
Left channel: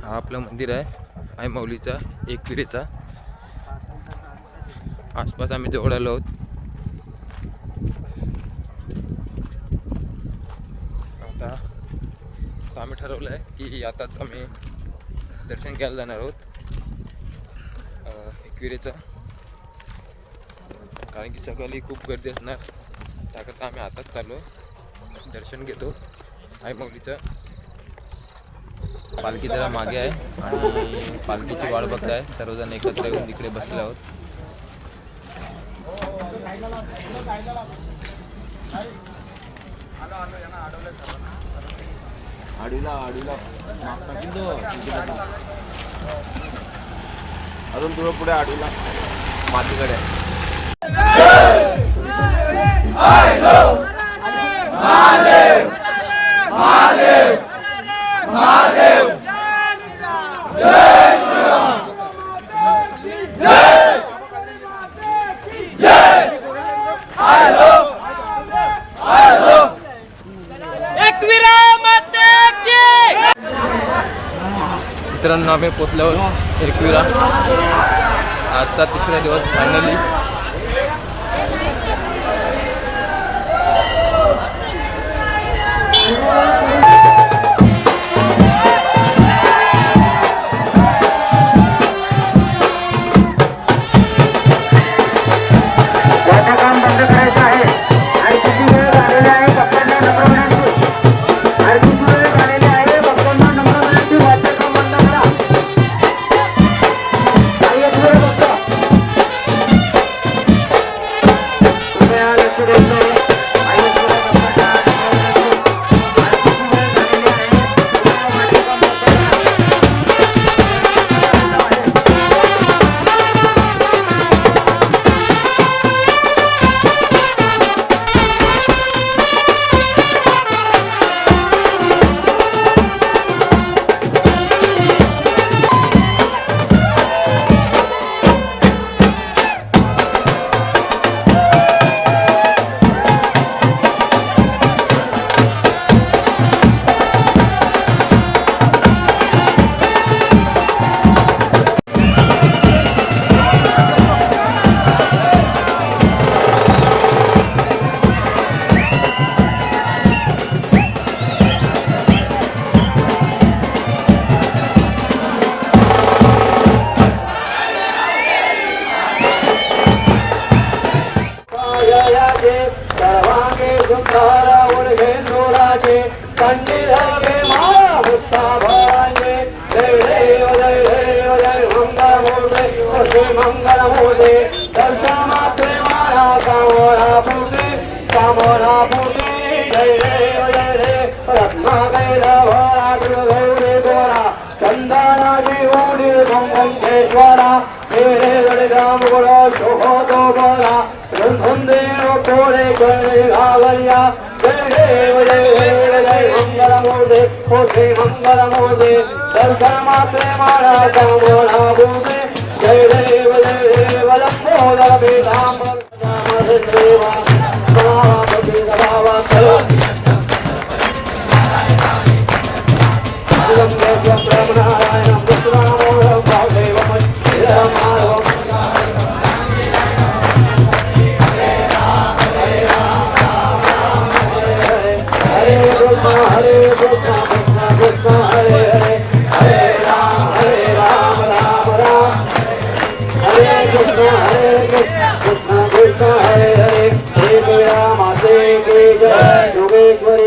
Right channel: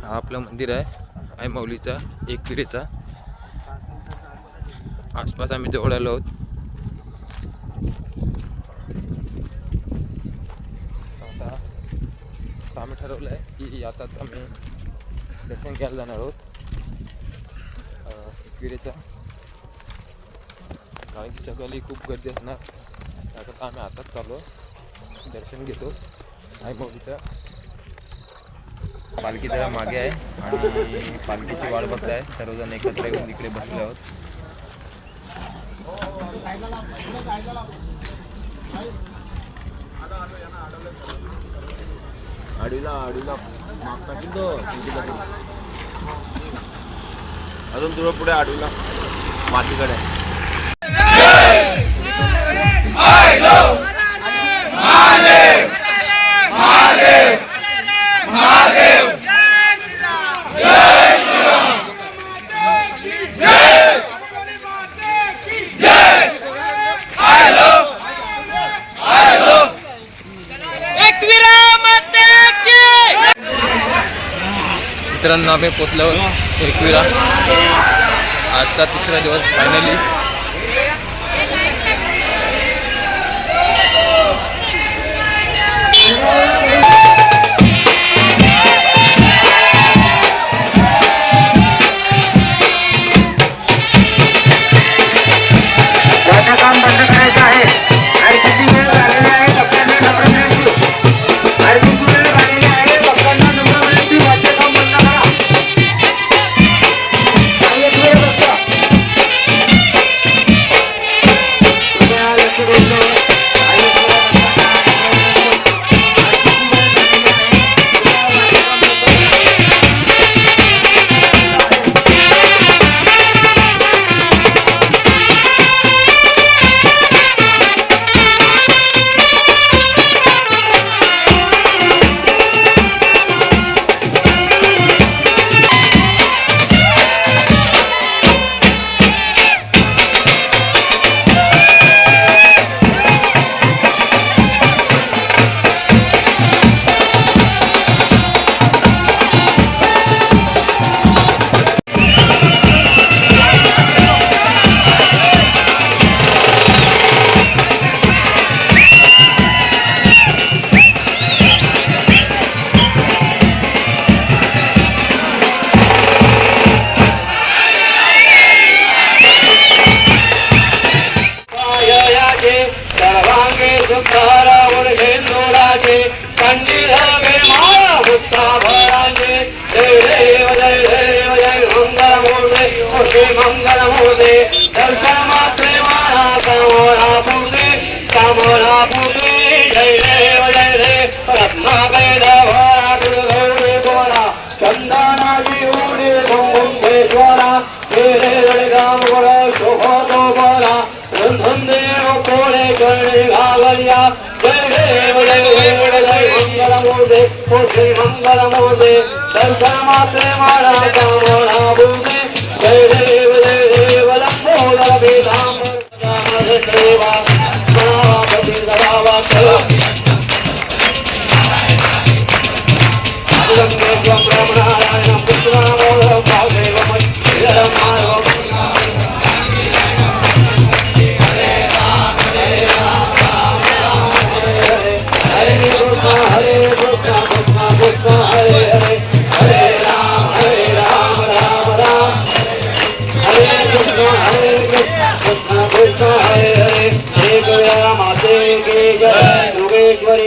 हा आपलं मंदिर आहे आई माऊलीचा एकविरेचा. आसपास आम्ही जवळ आलो आहोत. आता आम्ही ठरवलं आहे की आताच आम्ही दर्शन घ्यायला जाणार आहोत एकविरेचा, कारण की सकाळी खूप गर्दी असणार. त्याकरता आम्ही आताच चाललो, दर्शन घेतो आई माऊलीचं. पालखी जरा मागे आहे आणि पालखीची वाट बघताय. सर्वजण एकत्र येऊन इकडे बसले आहोत. आडीला मागता की अजून थोडं पुढे आडीला माझीकडे. मित्रांनो आम्ही पोचलो एकविरा. आजचा तिसरा दिवस फायनली. काम बंद करायचं आहे आणि किती वेळ झालेला आहे भक्तांना नंबरची आणि किती वेळ झालेला आहे भक्तांना नंबरची वाटते काम बंद करा. आणि एक वेळ बघता लक्ष द्यायचं सर्वांगे सुंदर शेंदुराचे पंडित माळा भुक्ता भरांगे. जय देव जय देव जय मंगल मूर्ते मंगल मूर्ते. दर्शन मात्रे माळा कामोरा पूर्ते. जय देव जय देव रत्नाकय भरा गुरुगौरी गोरा. चंदनाची उडी कुंभेश्वरा. राम गोळा शोभतो बोला. देव कोळे कळे घागरिया. जय देव जय देव जय मंगल मूर्ते. मोठे मंगल मूर्ते. दर्शन मात्रे माळा कामोरा पूर्ते. जय देव जय देव लंबोदर विधाम देवा गणापती सदावा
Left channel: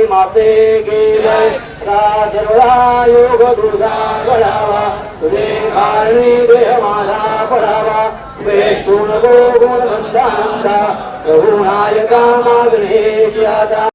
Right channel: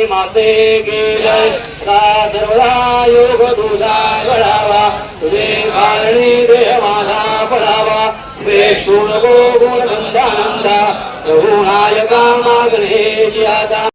माते के जय. सर्वदा योग तुझा घडावा. तुझे कारणी देह माझा पडावा. वेशून गोगुण बंधानंदा. रघुनायका मागणेश आता.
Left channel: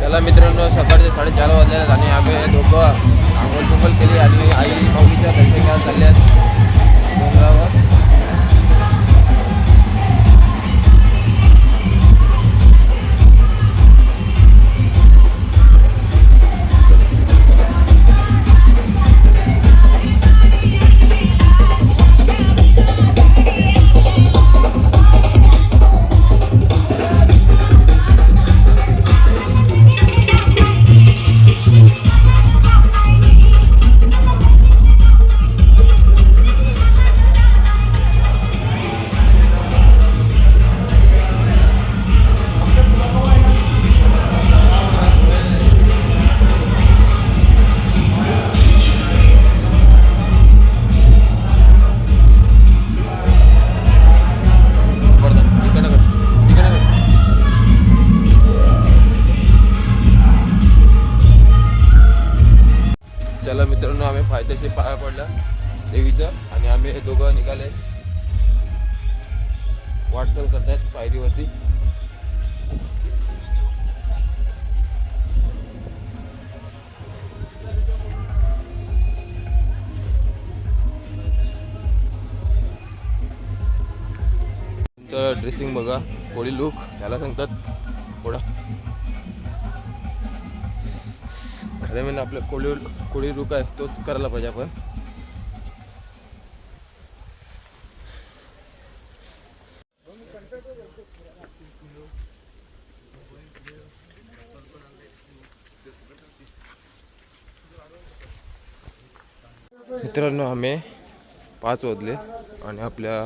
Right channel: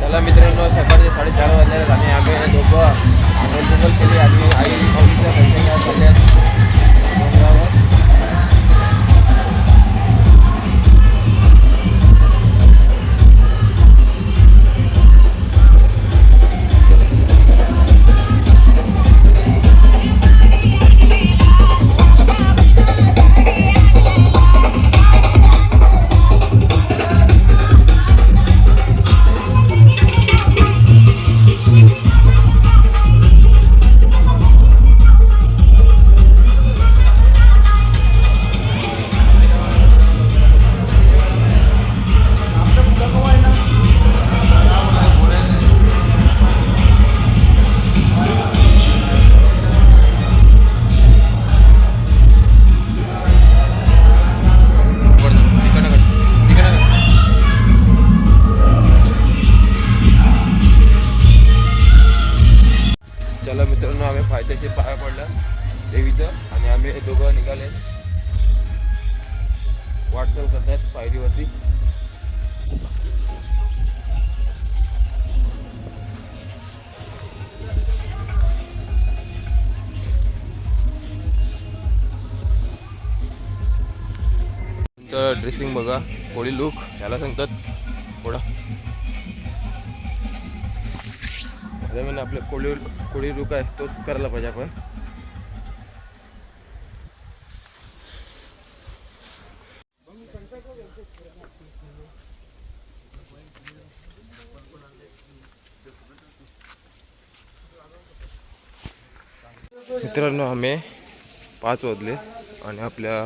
चला मित्रांनो, सकाळचे 4:30 वाजले आहेत आणि आम्ही दोघं आंघोळ केली आणि आई माऊलीचं दर्शन घ्यायला चालले आहेत डोंगरावर. चला मित्रांनो, आम्ही फायदेशीर पाया पडला देवीचं आणि आम्ही दोघं निघाले वाटचाल करतायत पायरीवरती. तर ड्रेसिंग बघा, कोळी लुक याला सांगतात थोडा. अरे म्हणजे आपलं कोळी लुक आहे तोच करायला पाहिजे आपण. मित्रांनो, आम्ही 5 वाजले आणि आपल्या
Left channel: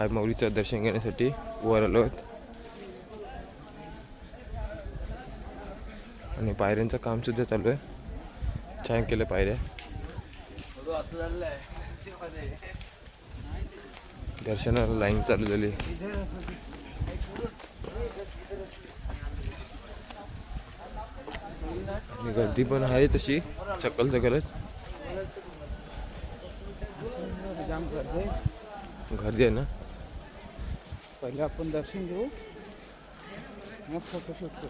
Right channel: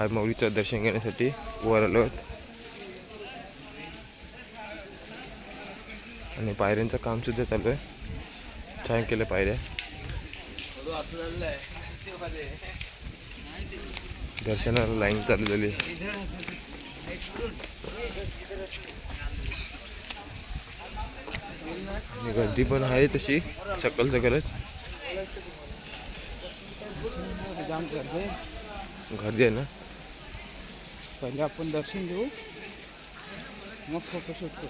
आई माऊलीचं दर्शन घेण्यासाठी वर आलो आहोत आणि पायऱ्यांचं काम सुद्धा चालू आहे. छान केलं पायऱ्या. दर्शनाला लाईन चालू झाली आणि गर्दी पण आहे तशी सकल सकलच गर्दी आहे ना. पहिले आपण दर्शन घेऊ मग फोटोशूट करू.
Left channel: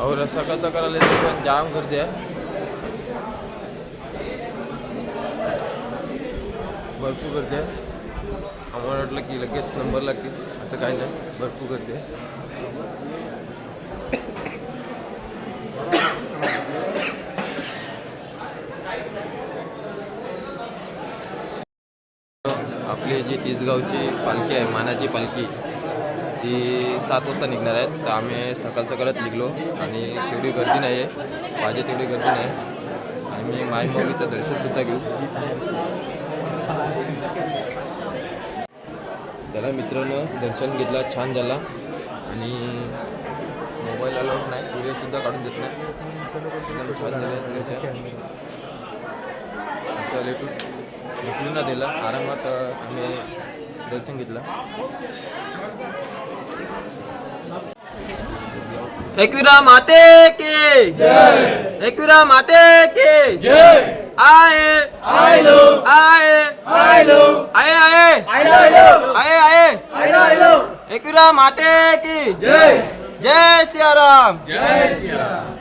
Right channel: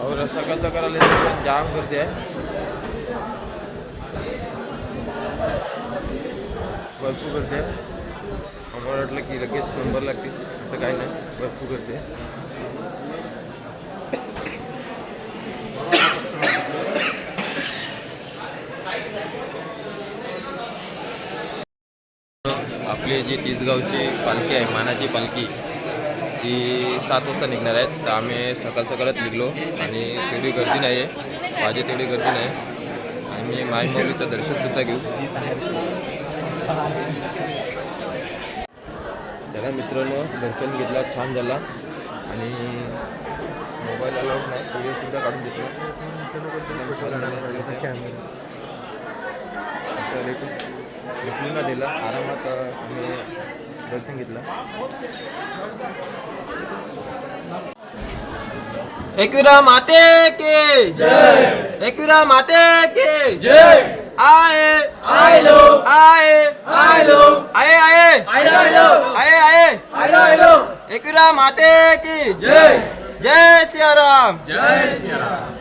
और सकाळचा करायला पण जाम गर्दी आहे. भरपूर गर्दी आहे. आम्हाला वाटलं की लगेच नंबर लागतील, असं काही नाही. भरपूर गर्दी आहे. आपली जी तिसगावची पालखी आहे, मानाची पालखी, ती 7 वाजता निघणार आहेत. तर आम्ही सकाळच निघलो आणि तेवढी गर्दी नाही आहे, पाहिजे तेवढी गर्दी नाही. आणि मी माई माऊलीचं दर्शनसुद्धा घेऊ. चला मित्रांनो, दर्शन घेतला, छान झाला आणि मोबाईल अलाउड नाही, व्हिडिओसुद्धा काढून देत नाही. निघून दिला आरामात आम्ही दर्शन घेतलं. एकविरा माते के जय, एकविरा माते के जय. आए आए लोग, आए आए लोग, आए आए आए आए आए आए, एकविरा माते की जय. जय सियाराम, जय सियाराम.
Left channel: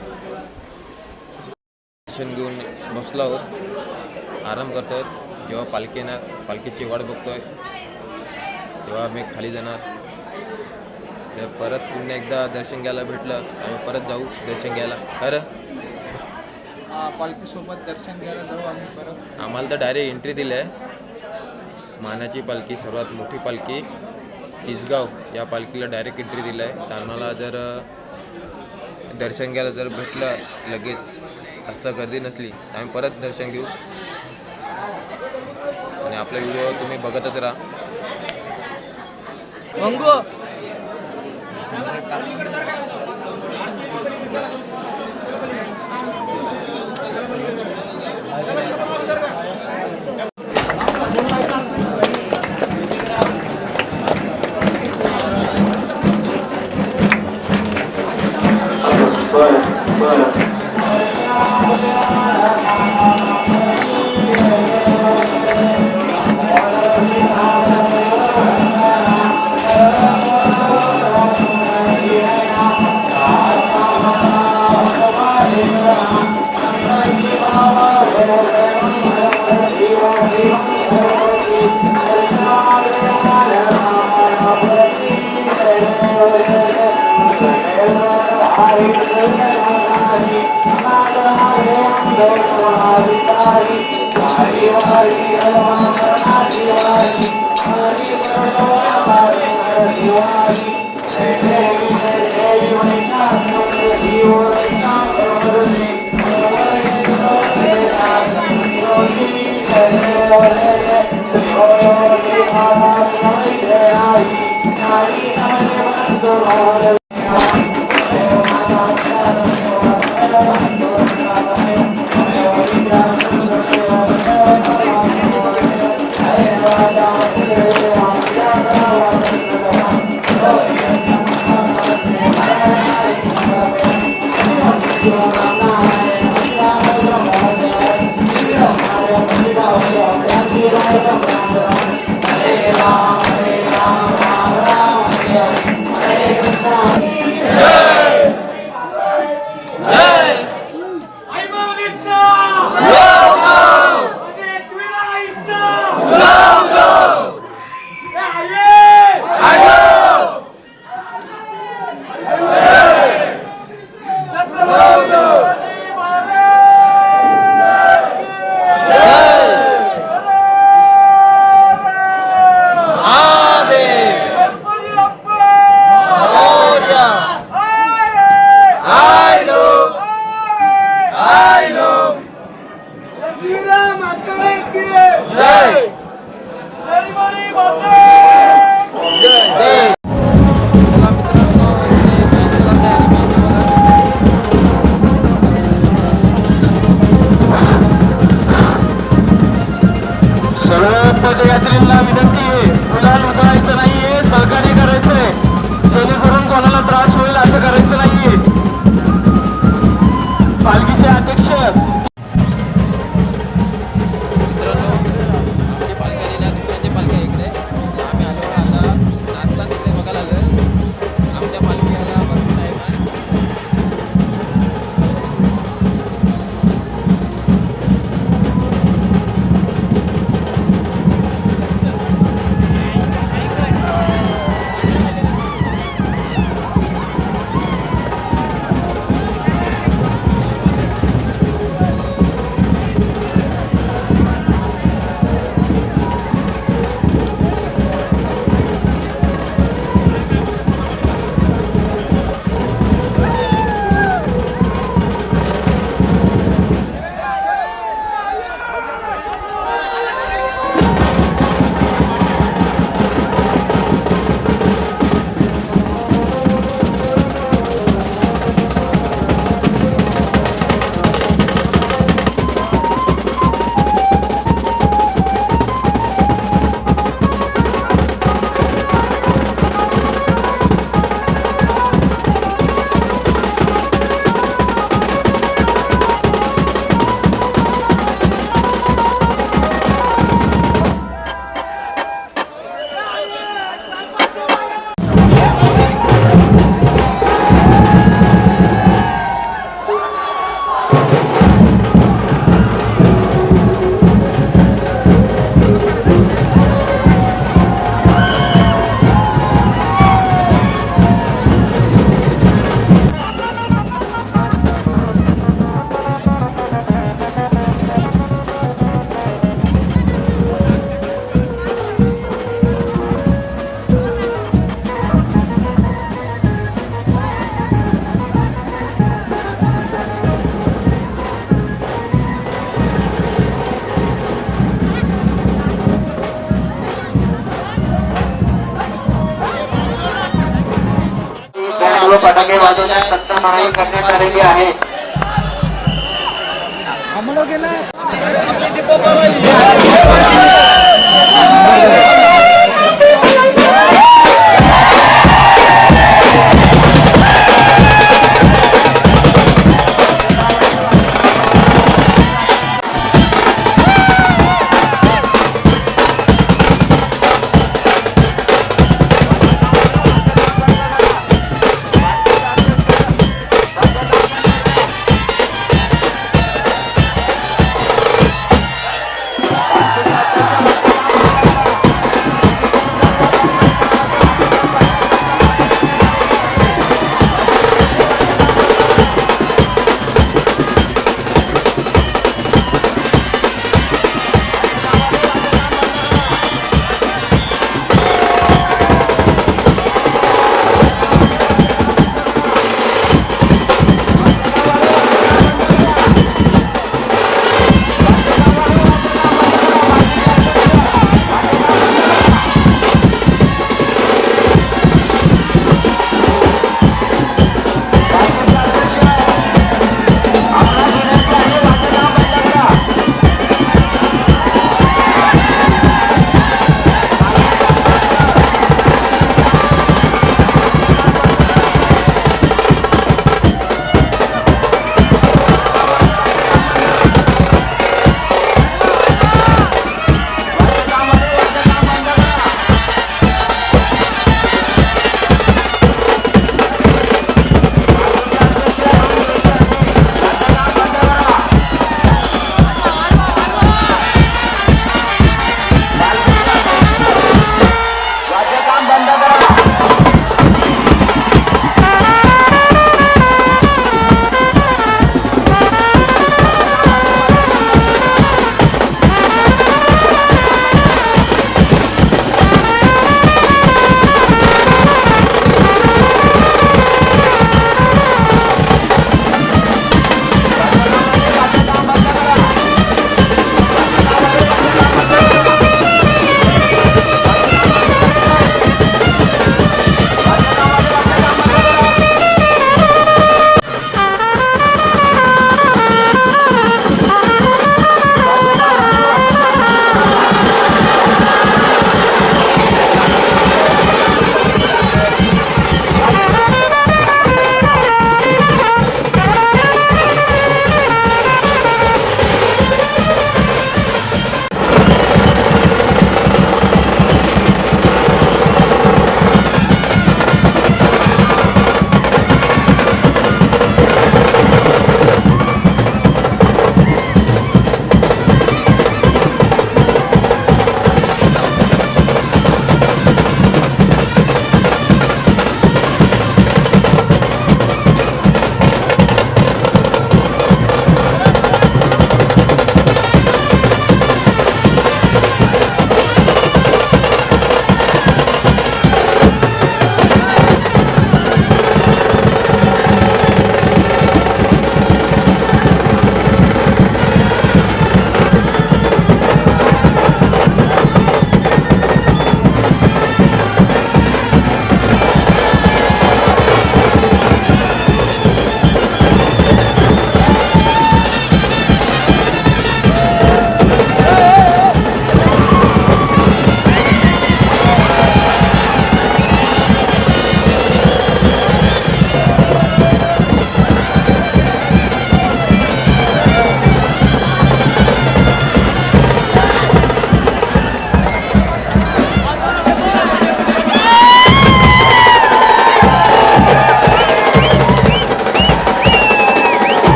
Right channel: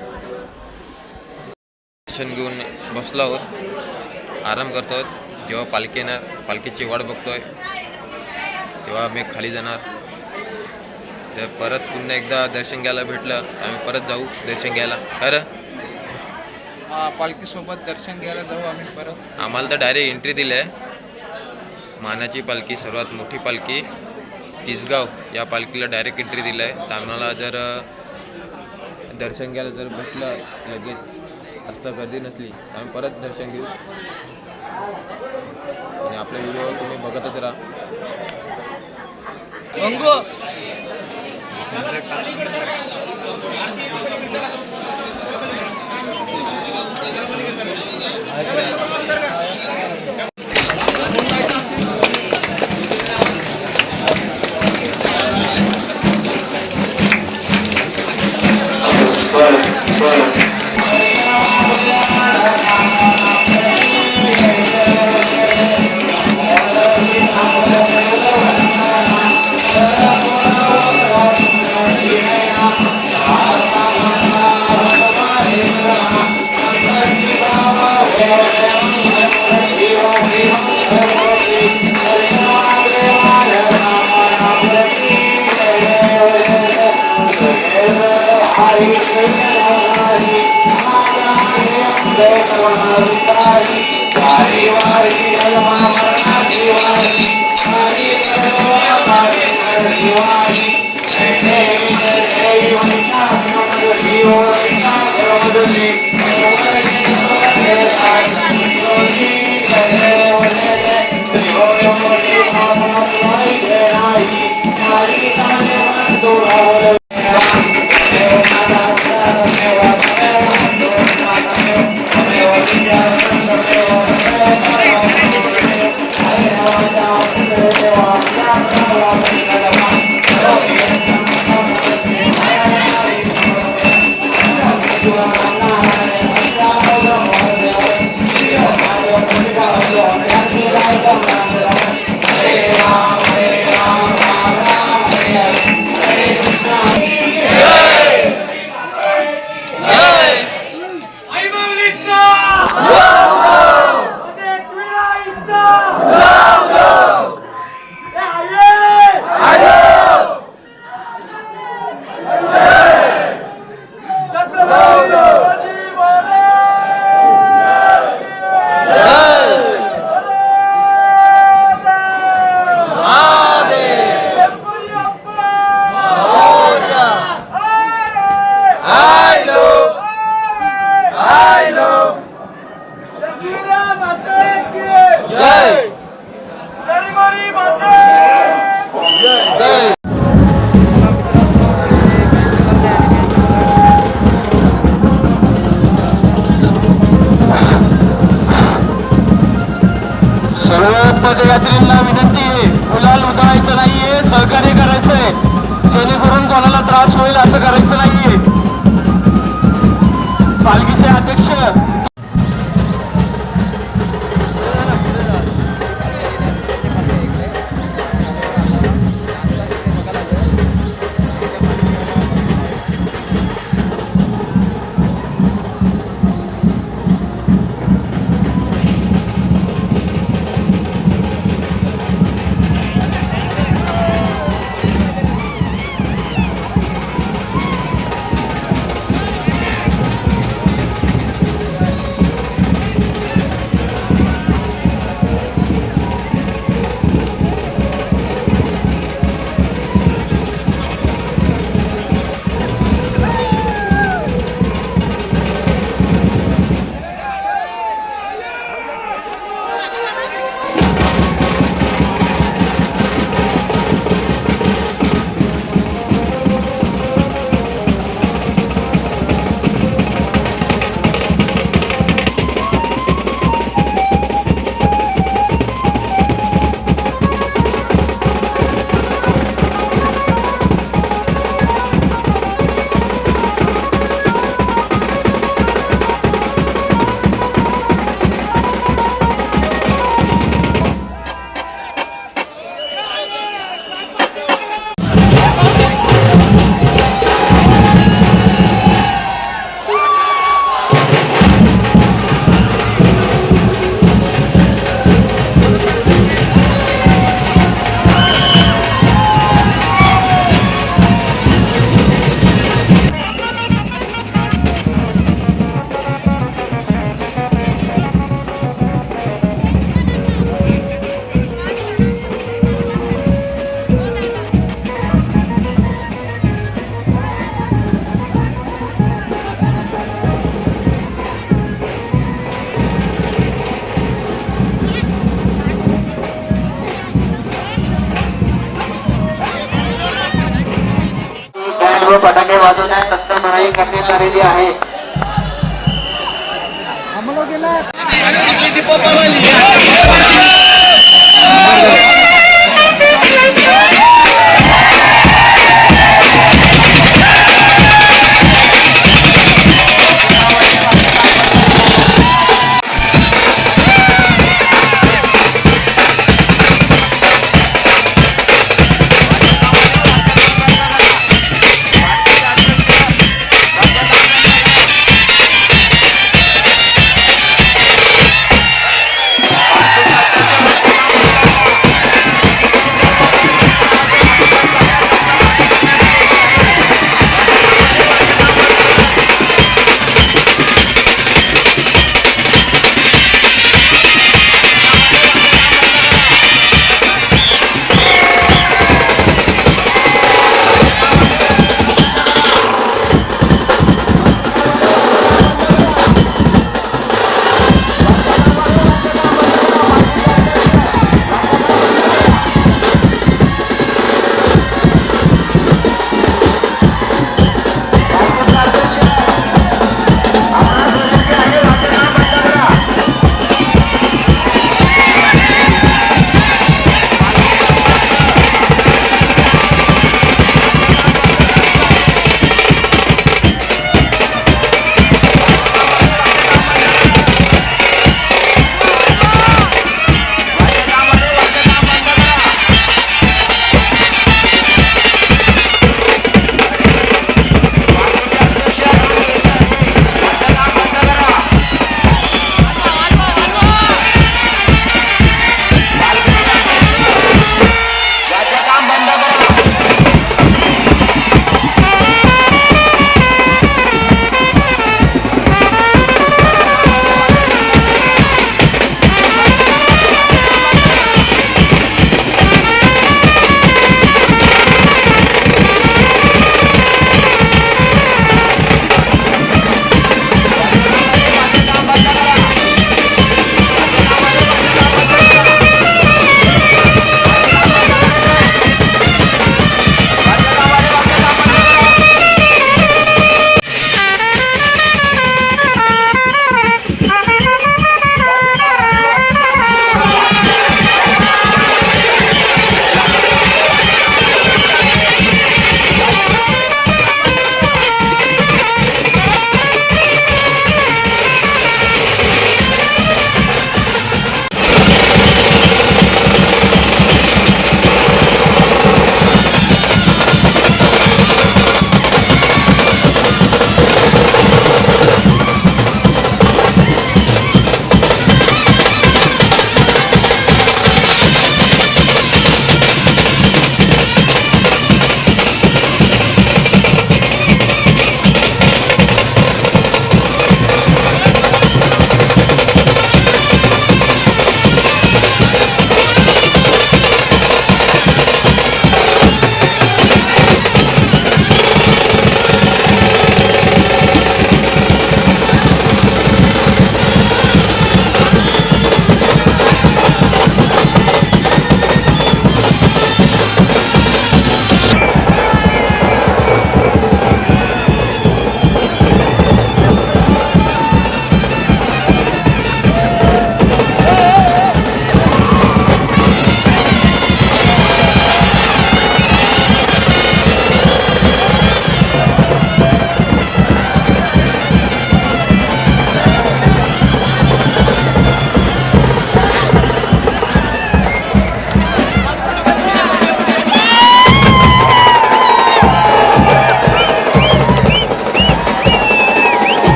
दर्शन घेऊन बसलो आहोत, आराम करतो. जेव्हा पालखी येणार, पालखीची वाट बघतोय, तेव्हा आम्ही खाली जाणार. तर परत पुन्हा एकदा दर्शन घ्यायला भेटलं आम्ही परत जाऊ दर्शन घ्यायला. खरं पालखीसोबत दर्शन घ्यायला जाऊ आम्ही परत. आम्हाला तर डायरेक्ट एंट्री दिली आहे. मानाची पालखी, सर्वात मोठी पालखी तिसगाव, या पालखीला डायरेक्ट एंट्री दिलं आहे. तर आम्हाला जर दर्शन घ्यायला जर भेटलं लगेच, असं गर्दी नसली, आम्ही परत दर्शन घेऊ. आणि आपला व्हिडिओ तुम्ही बघतच राहा. फटाके वाजवण्यास सक्त मनाई करण्यात आलेली आहे.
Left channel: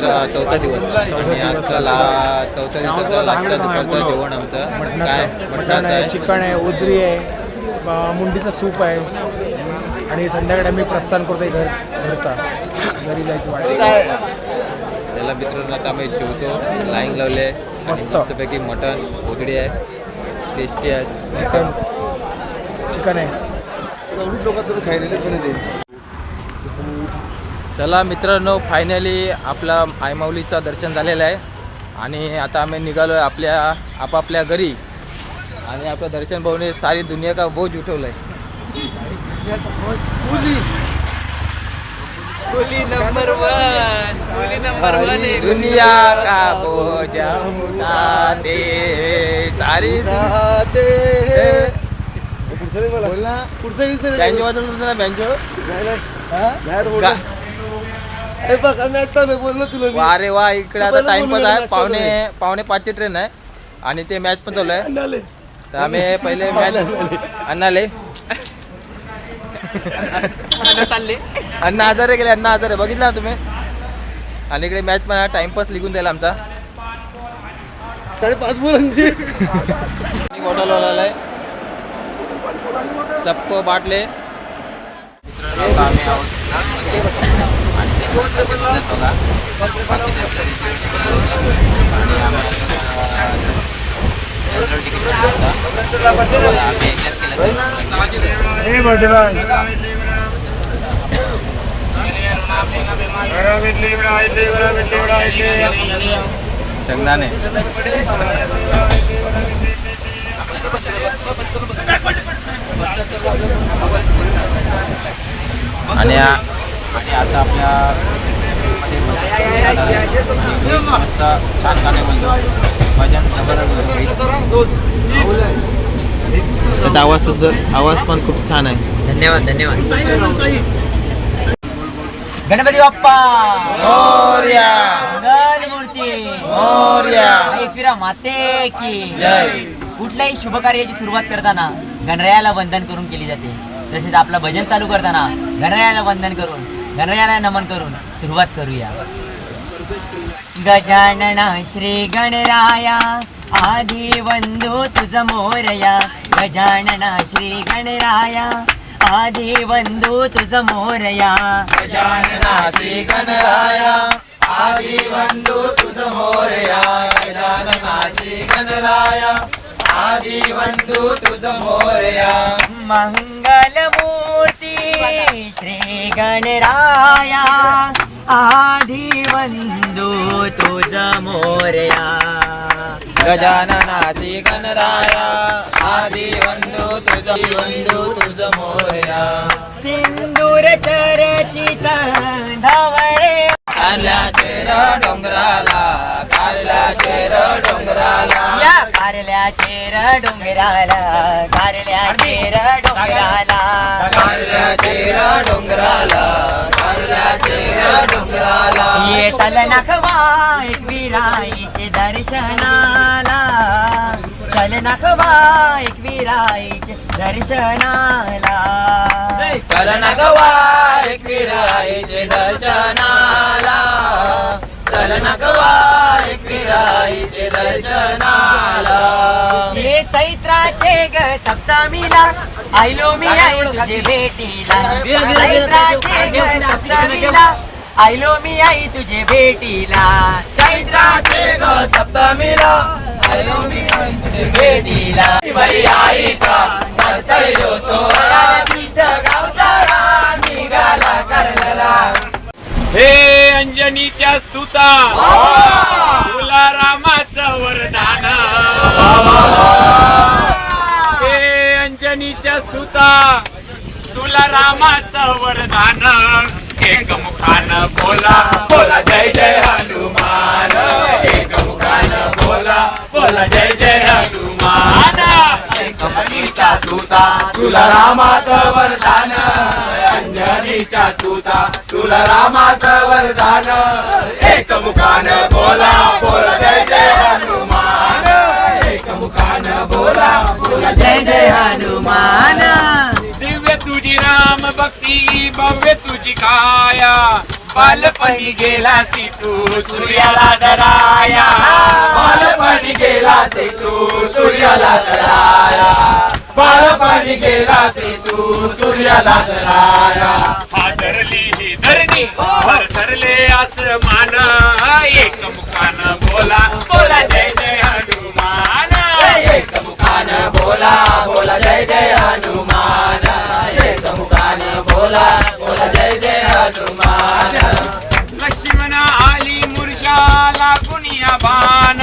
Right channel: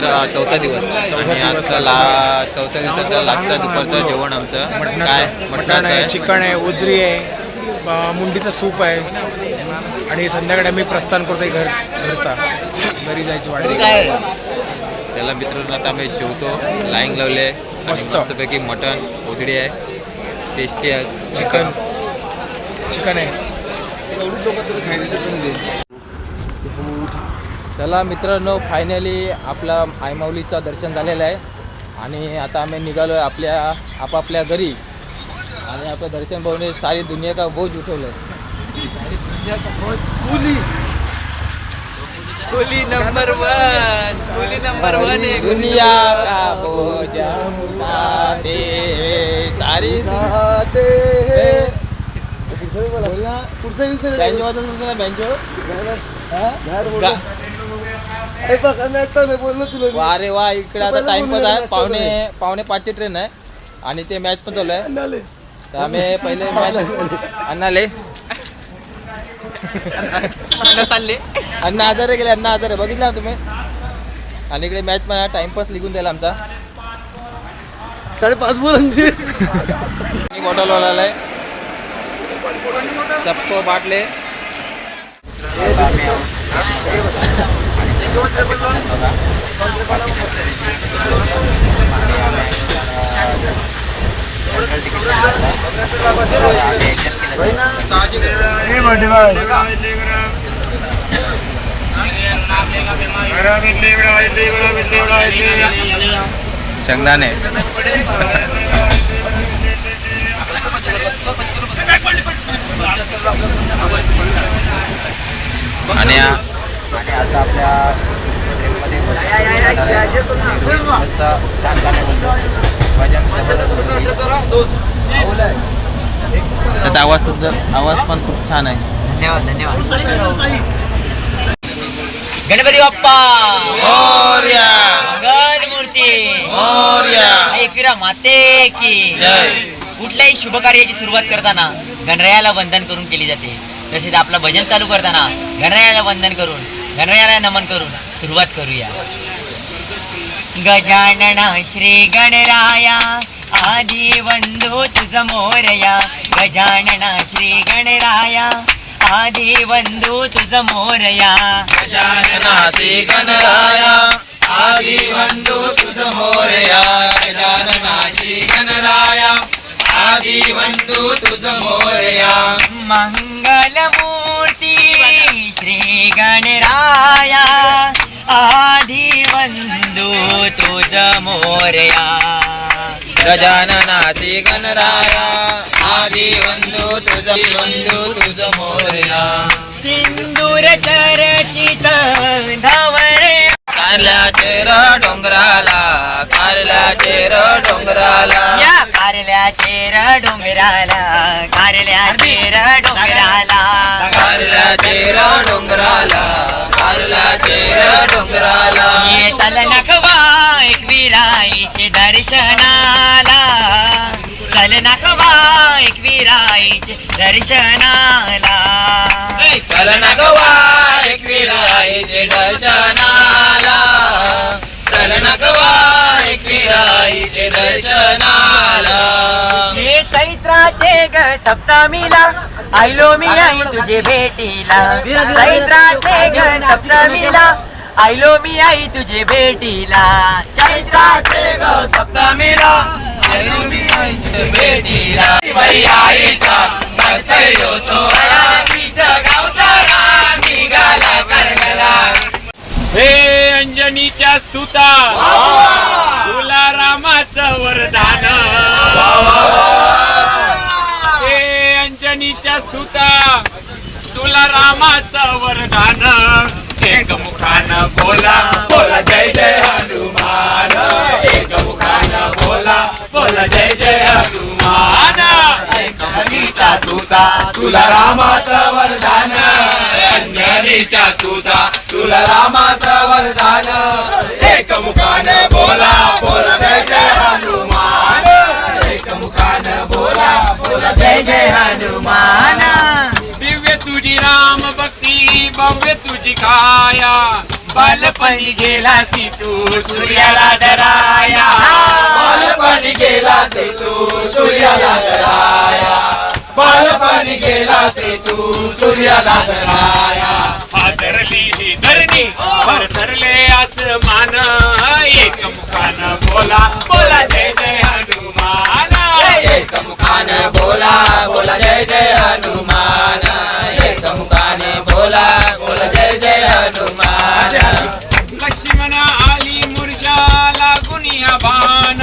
चौथा दिवस आणि आजचा चौथ्या दिवसाचा लागचा दुपारचं जेवण आमचं काय मटणाचं आहे. चिकन आहे, उजरी आहे, मुंडीचं सूप आहे आणि संध्याकाळी आम्ही प्रस्थान करतोय घरचा घरी जायची वाट. चला मित्रांनो आता आम्ही जेवतो. लाईन लावले आणि मस्त. मस्तपैकी मटण ओदडी आहे, टेस्टी आहे. चिकन आहे. चला मित्रांनो फायनली आपला आईमाऊलीचं दर्शन झालेलं आहे आणि आता आम्ही निघालो आहे आपापल्या घरी. आणि आपलं दर्शन पाहून सारी दुनिया का बोज उठवलं आहे. दुनिया का बोझ उठाते सारी बँजो वाजत होतं ना बँजो. वा रे वा इकडे आता टाइमपास आहे. पावणे 5ची ट्रेन आहे आणि ते मॅच पण चालू आहे. तर आम्ही पहिले मॅच अण्णाले अण्णा आजारे गेले. अण्णा आजारे बघितलं ना तुम्ही. आणि इकडे मॅच पण आहे. टाइमपास लिहून द्यायला आमचा 5:30 बॉटल वाला आहे. सबको बाटले शेंगदाणे आणि आता आपल्या मस्त छान गाणे बोलतो. भजन त्याचा आवाज पण खूप छान आहे. धन्यवाद. गणपती बाप्पा मोरया, मंगलमूर्ती मोरया. एकविरा माते की जय. कुठल्याही शुभ कार्याची सुरुवात करताना गणरायाला वंदन करून केली जाते. तसेच आपलं भजन चालू करताना गणरायाला वंदन करून गणरायाला नमन करून सुरुवात करूया. गजानना श्री गणराया आदि वंदो तुझ मोरया. गजानना श्री गणराया आदि वंदो तुझ मोरया. गजानना श्री गणराया आदि वंदो तुझ मोरया. गजानना श्री गणराया आदि वंदो तुझ मोरया. मंगलमूर्ती श्री गणराया आदि वंदो तुझ मोरया. गजानना श्री गणराया आदि वंदो तुझ मोरया. सिंदूर चर्चित धवळे कारल्याचे डोंगराला कारल्याचे डोंगराला या कारल्याचे डोंगराला कारल्याचे डोंगराला कारल्याचे डोंगराला कारल्याचे डोंगराला. ये चल नखवा एकविराईचे दर्शनाला. चल नखवा एकविराईचे दर्शनाला. चल ना गवा एकविराईचे दर्शनाला. चल ना गवा एकविराईचे दर्शनाला. हे चैत्राचे ग सप्तमीला आयलो मी आई तुझे भेटीला. चैत्राचे ग सप्तमीला आयलो मी आई तुझे भेटीला. चैत्राचे ग सप्तमीला आयो मी आई तुझे भेटीला. बरी आईचा नसतयो सोहळा तिचा गाव सारा निघाला करगला. हे अंजनीच्या सुता तुला रामाचं वरदान. हे अंजनीच्या सुता तुला रामाचं वरदान. एक मुखानं बोला बोला जय जय हनुमान. एक मुखानं बोला बोला जय जय हनुमान. अंजनीचा सुता तुला रामाचं वरदान. अंजनीचा सुता तुला रामाचं वरदान. एक मुखाने बोला बोला जय जय हनुमान. एक मुखाने बोला बोला जय जय हनुमान. दिव्य तुझी राम भक्ती भव्य तुझी काया. बालपणी गेलासी तू सूर्याला डराया, बालपणी गेलासे तू सूर्याला डराया, बालपणी गेलासे तू सूर्याला डराया. हादरली ही धरणी वर धरले आसमान, एक मुखानं बोला बोला जय जय हनुमान. एक मुखाने बोला बोला जय जय हनुमान, एक मुखाने बोला बोला जय जय हनुमान. लक्ष्मण आली मूर्छाला गुनिया बाण,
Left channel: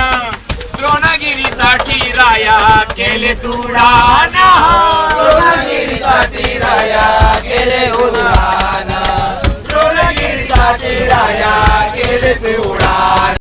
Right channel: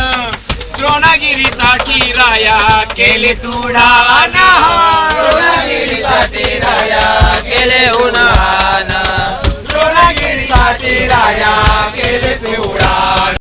द्रोणगिरीसाठी राया केले तुडान. द्रोणगिरीसाठी राया केले उन्हान, द्रोणगिरीसाठी राया केले ते उडान.